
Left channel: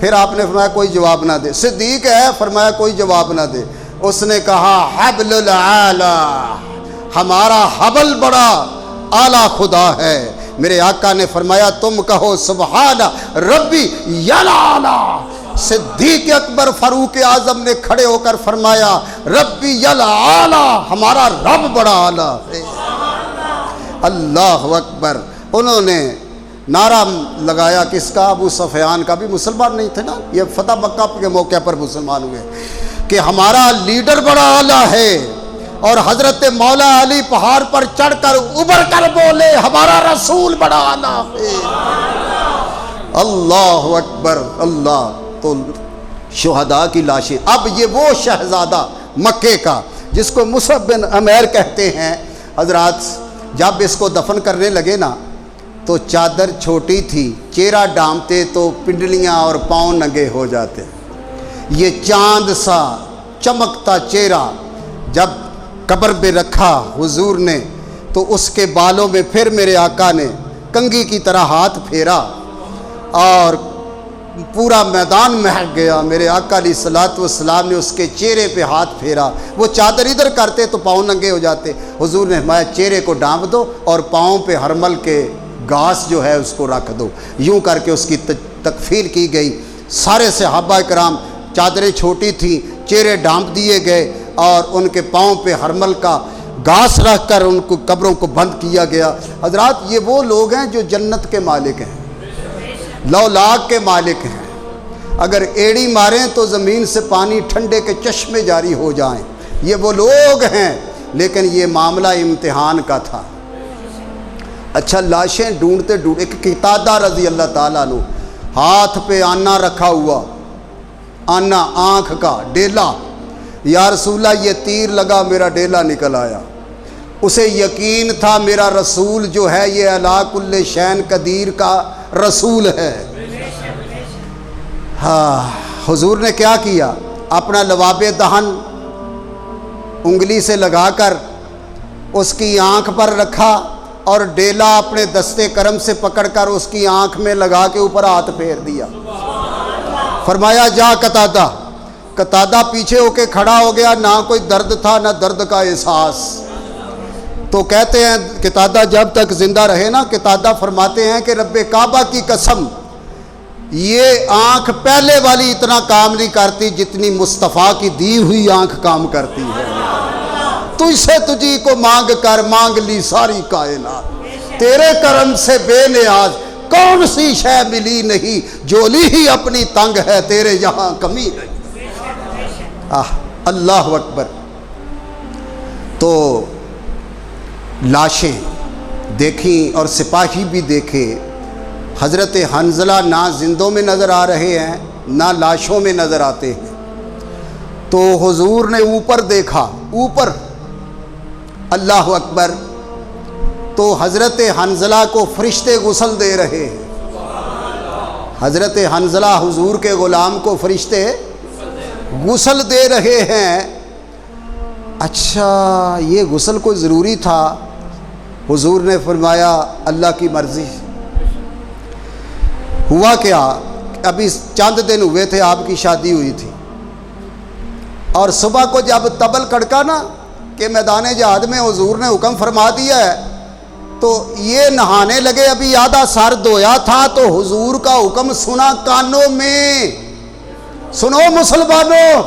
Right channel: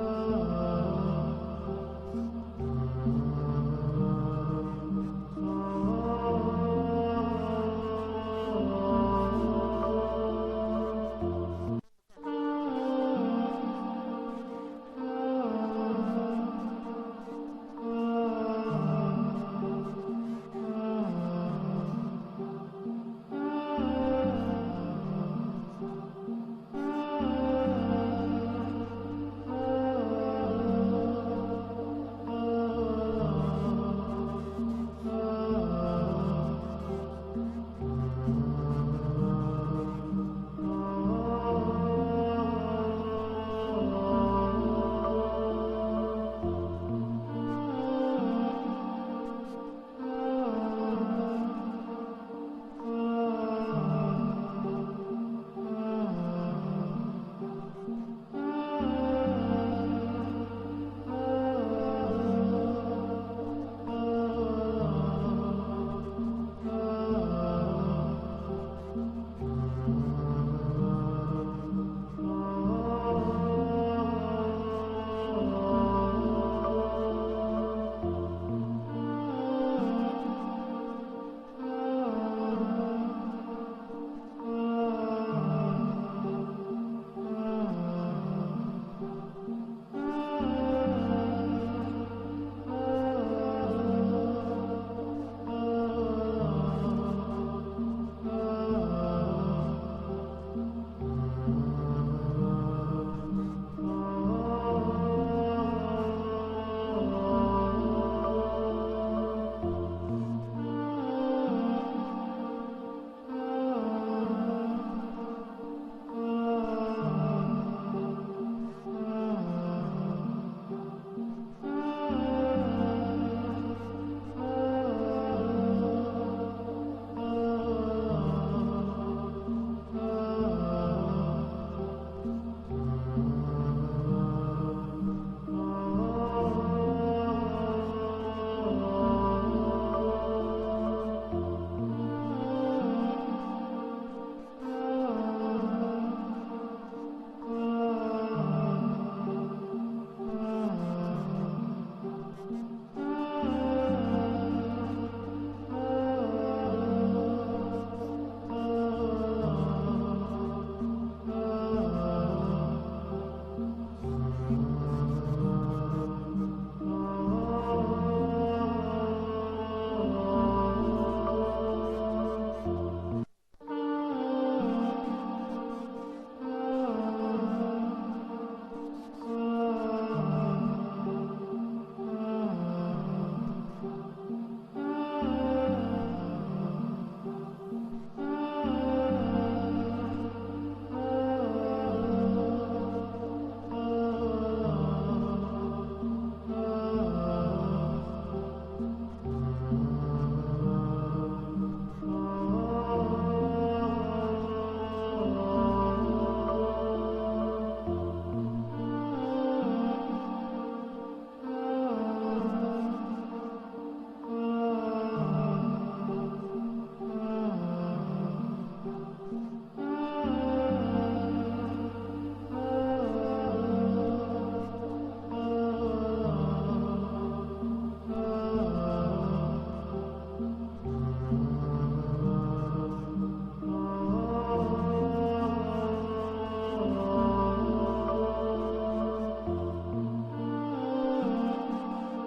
پھر آپ نے فرمایا کوئی جواب نہ دے۔ صدیق ہے، فرمایا کوئی جواب نہ دے۔ اس نے کہا حبل العالی، ہمارا حبل بڑا اعلیٰ خدا ہے۔ میرے آقا نے فرمایا تم کہو سبحان ربی یلالا۔ صدیق اکبر فاروق اعظم نے کھڑے ہو کر فرمایا ربی یلالا، ہمارا رب بڑا اعلیٰ ہے۔ اللہ اکبر۔ انہوں نے نعرہ لگایا کس کا؟ ابو سفیان کا، بھی مسلمان نہیں تھے نا، یہ فتح مکہ کے موقع پر مسلمان ہوئے، کہ ہمارا لیڈر بڑا اعلیٰ ہے۔ اور حضرت مولا علی پہاڑ پر چڑھ کر ابھر کر بولے ہمارا رسول بڑا اعلیٰ ہے۔ اللہ اکبر اللہ۔ تو شہداء کی لاشیں، اب یہ وہ شہزادہ مکے کا جس کو مصعب بن عمیر کہتے ہیں، حضرات جب اس کو دفن کرنے لگے نا تو چادر چھوٹی تھی، چہرہ ڈھانپتے تو پنڈلیاں اور پاؤں ننگے ہو جاتے۔ یہ چاند سا چمکتا چہرہ جب قبر پہ رکھا حضور نے تو اس کے بالوں میں پھر میرے آقا نے کنگھی کی طرح ہاتھ پھیرا اور پورا میدان مہک گیا۔ میرے آقا علیہ الصلوۃ والسلام نے اس کے چہرے پہ ہاتھ پھیرا، وہ چادر ادھر کرتے تو پاؤں ننگے ہو جاتے۔ حضور نے فرمایا چہرے کو ڈھانپ دو اور پاؤں پہ ہرمل کے گھاس جو ہے اس کو رکھ دو۔ یوں کر کے اس کی تکفیر کی گئی۔ سارے صحابہ کرام، چادریں چھوٹی تھیں، چہرے ڈھانپ دیے گئے اور ان کے پاؤں پہ ہرمل کا گھاس رکھ کر ان کو قبروں کو بند کیا گیا۔ حضرات یہ وہ لوگ ہیں جو جنت کے مالک ہیں، لولاک کے مالک ہیں۔ اگر ایڑی ماریں تو زمین سے پانی ٹھنڈے کے چشمے جاری ہو جائیں، یہ وہ لوگ ہیں، لیکن یہ معاملہ امتحان کا تھا۔ اچھا، لاشیں ڈھونڈتے ڈھونڈتے ایک قتادہ رضی اللہ تعالیٰ عنہ، ہاتھ پہ آنا رکھا ہوا، آنا آنکھ کا ڈیلا، یا رسول اللہ یہ تیر لگا میرا ڈیلا نکل آیا۔ اسے یقین تھا میرا رسول جو ہے یہ علی کل شین قدیر کا رسول ہے۔ ہاں، حضور نے کیا کیا؟ اپنا لواب دہن انگلی سے لگا کر اس کی آنکھ پر رکھا اور ڈیلا اپنے دستے کرم سے پکڑ کر اس کی آنکھ میں لگا کے اوپر ہاتھ پھیر دیا۔ فرمایا جا قتادہ۔ قتادہ پیچھے ہو کے کھڑا ہو گیا، نہ کوئی درد تھا نہ درد کا احساس۔ تو کہتے ہیں قتادہ جب تک زندہ رہے نا، قتادہ فرماتے ہیں کہ رب کعبہ کی قسم یہ آنکھ پہلے والی اتنا کام نہیں کرتی جتنی مصطفیٰ کی دی ہوئی آنکھ کام کرتی ہے۔ تو اسے تجھی کو مانگ کر مانگ لی ساری کائنات، تیرے کرم سے بے نیاز کون سی شے ملی نہیں، جولی ہی اپنی تنگ ہے تیرے یہاں کمی نہیں۔ اللہ اکبر۔ تو لاشیں دیکھیں اور سپاہی بھی دیکھے۔ حضرت حنظلہ نہ زندوں میں نظر آ رہے ہیں نہ لاشوں میں نظر آتے ہیں۔ تو حضور نے اوپر دیکھا، اوپر، اللہ اکبر۔ تو حضرت حنظلہ کو فرشتے غسل دے رہے ہیں۔ حضرت حنظلہ حضور کے غلام کو فرشتے غسل دے رہے ہیں۔ اچھا، یہ غسل کوئی ضروری تھا؟ حضور نے فرمایا اللہ کی مرضی۔ ہوا کیا، ابھی چند دن ہوئے تھے آپ کی شادی ہوئی تھی، اور صبح کو جب طبل کڑکا نا کہ میدان جہاد میں حضور نے حکم فرما دیا ہے، تو یہ نہانے لگے، ابھی آدھا سر دھویا تھا تو حضور کا حکم سنا کانوں میں۔ سنو مسلمانوں،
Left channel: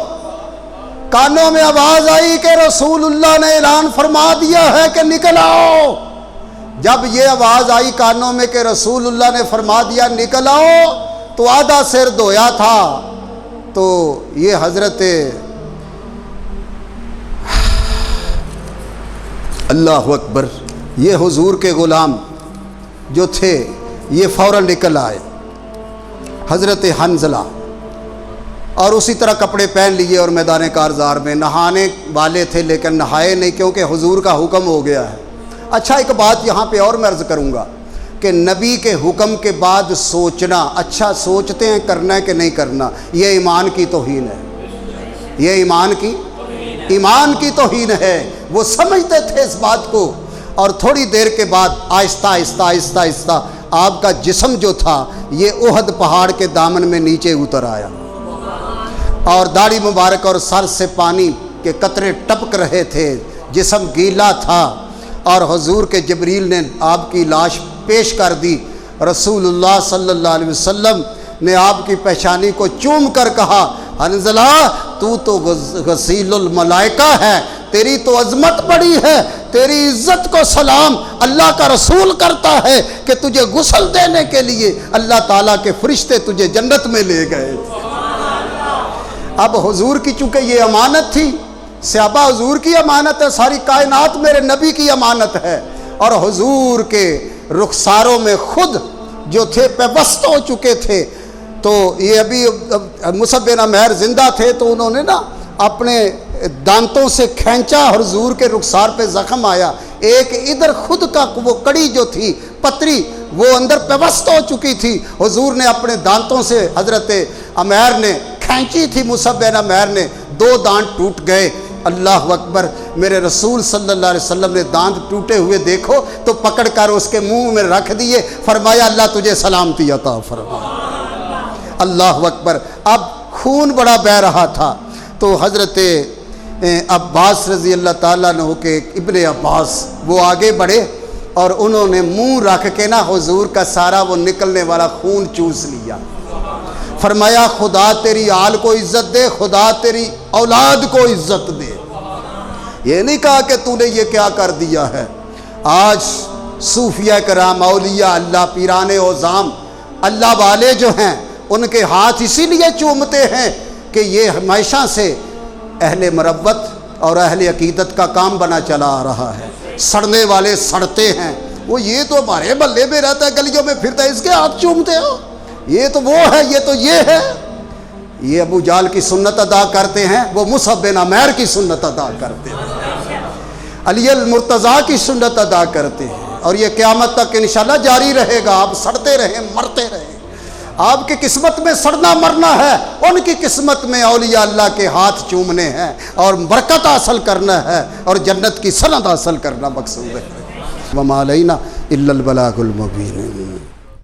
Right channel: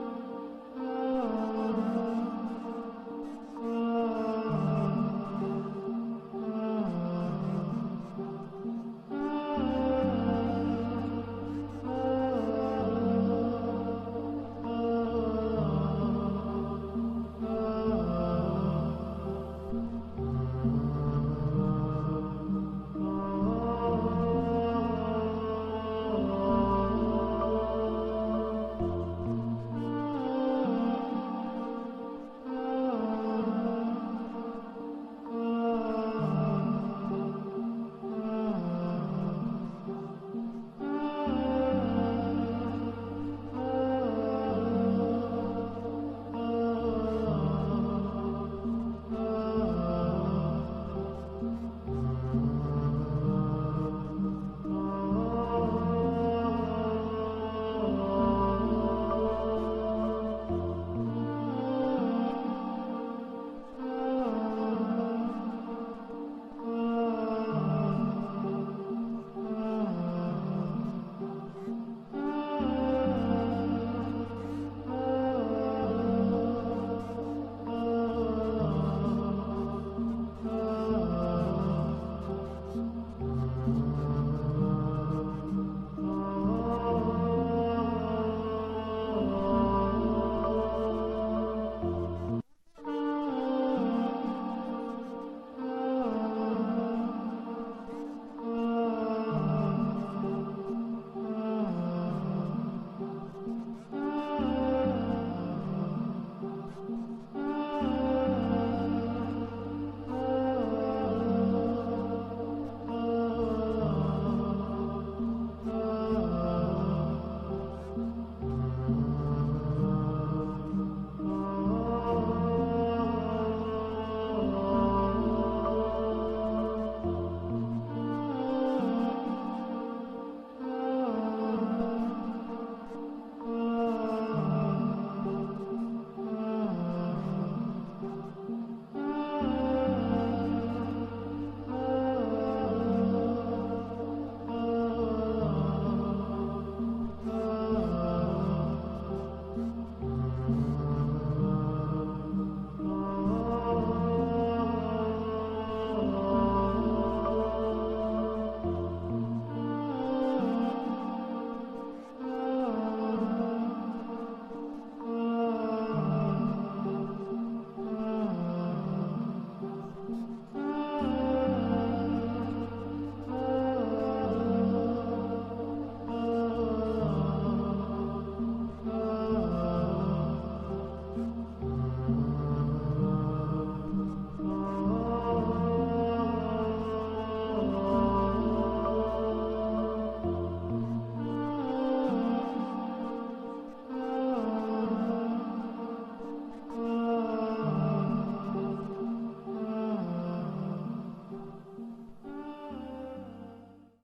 کانوں میں آواز آئی کہ رسول اللہ نے اعلان فرما دیا ہے کہ نکل آؤ۔ جب یہ آواز آئی کانوں میں کہ رسول اللہ نے فرما دیا نکل آؤ، تو آدھا سر دھویا تھا تو یہ حضرت اللہ اکبر، یہ حضور کے غلام جو تھے یہ فوراً نکل آئے، حضرت حنظلہ، اور اسی طرح کپڑے پہن لیے اور میدان کارزار میں نہانے والے تھے لیکن نہائے نہیں کیونکہ حضور کا حکم ہو گیا ہے۔ اچھا ایک بات یہاں پہ اور میں عرض کروں گا کہ نبی کے حکم کے بعد سوچنا، اچھا سوچتے ہیں کرنا ہے کہ نہیں کرنا، یہ ایمان کی توہین ہے، یہ ایمان کی توہین ہے۔ وہ سمجھتے تھے اس بات کو، اور تھوڑی دیر کے بعد آہستہ آہستہ آہستہ آہستہ آپ کا جسم جو تھا یہ احد پہاڑ کے دامن میں نیچے اتر آیا، اور داڑھی مبارک اور سر سے پانی کے قطرے ٹپک رہے تھے، جسم گیلا تھا، اور حضور کے جبریل نے آپ کی لاش پیش کر دی۔ رسول اللہ صلی اللہ علیہ وسلم نے آپ کی پیشانی کو چوم کر کہا، حنظلہ تو غسیل الملائکہ ہے، تیری تو عظمت بڑی ہے، تیری عزت کو سلام اللہ کا رسول کرتا ہے کہ تجھے غسل دینے کے لیے اللہ تعالیٰ کے فرشتے تجھے جنت میں لے گئے۔ اب حضور کی چونکہ یہ امانت تھی، صحابہ حضور کی امانت ہے، ساری کائنات میرے نبی کی امانت ہے، اور حضور کے رخساروں میں خود جو تھے پیوست ہو چکے تھے، تو یہ ابھی مصعب بن عمیر زندہ تھے تو انہوں نے نا اپنے دانتوں سے کھینچا، حضور کے رخسار پہ زخم آیا، ایک ادھر خود کا وہ کڑی جو تھی پتری وہ اندر پیوست ہو چکی تھی، حضور نے اپنے دانتوں سے حضرت عمیر نے کھینچی تھی، مصعب بن عمیر نے، 2 دانت ٹوٹ گئے۔ اللہ اکبر، میرے رسول صلی اللہ علیہ وسلم نے دانت ٹوٹے ہوئے دیکھو تو پکڑ کر اس کے منہ میں رکھ دیے، فرمایا اللہ تجھے سلامتی عطا فرما۔ اللہ اکبر۔ اب خون بڑا بہہ رہا تھا تو حضرت عباس رضی اللہ تعالیٰ عنہ کے ابن عباس وہ آگے بڑھے اور انہوں نے منہ رکھ کے نا حضور کا سارا وہ نکلنے والا خون چوس لیا، فرمایا خدا تیری آل کو عزت دے، خدا تیری اولاد کو عزت دے۔ یہ نہیں کہا کہ تو نے یہ کیا کر دیا ہے۔ آج صوفیہ کرام، اولیاء اللہ، پیران عظام، اللہ والے جو ہیں ان کے ہاتھ اسی لیے چومتے ہیں کہ یہ ہمیشہ سے اہل مروت اور اہل عقیدت کا کام بنا چلا آ رہا ہے۔ سڑنے والے سڑتے ہیں، وہ یہ تو ہمارے محلے میں رہتا ہے، گلیوں میں پھرتا ہے، اس کے ہاتھ چومتے ہو، یہ تو وہ ہے، یہ تو یہ ہے۔ یہ ابو جہل کی سنت ادا کرتے ہیں، وہ مصعب بن عمیر کی سنت ادا کرتے ہیں، علی المرتضیٰ کی سنت ادا کرتے ہیں، اور یہ قیامت تک انشاءاللہ جاری رہے گا۔ آپ سڑتے رہیں، مرتے رہیں، آپ کی قسمت میں سڑنا مرنا ہے، ان کی قسمت میں اولیاء اللہ کے ہاتھ چومنے ہیں اور برکت حاصل کرنا ہے اور جنت کی سند حاصل کرنا مقصود ہے۔ وما علینا الا البلاغ المبین۔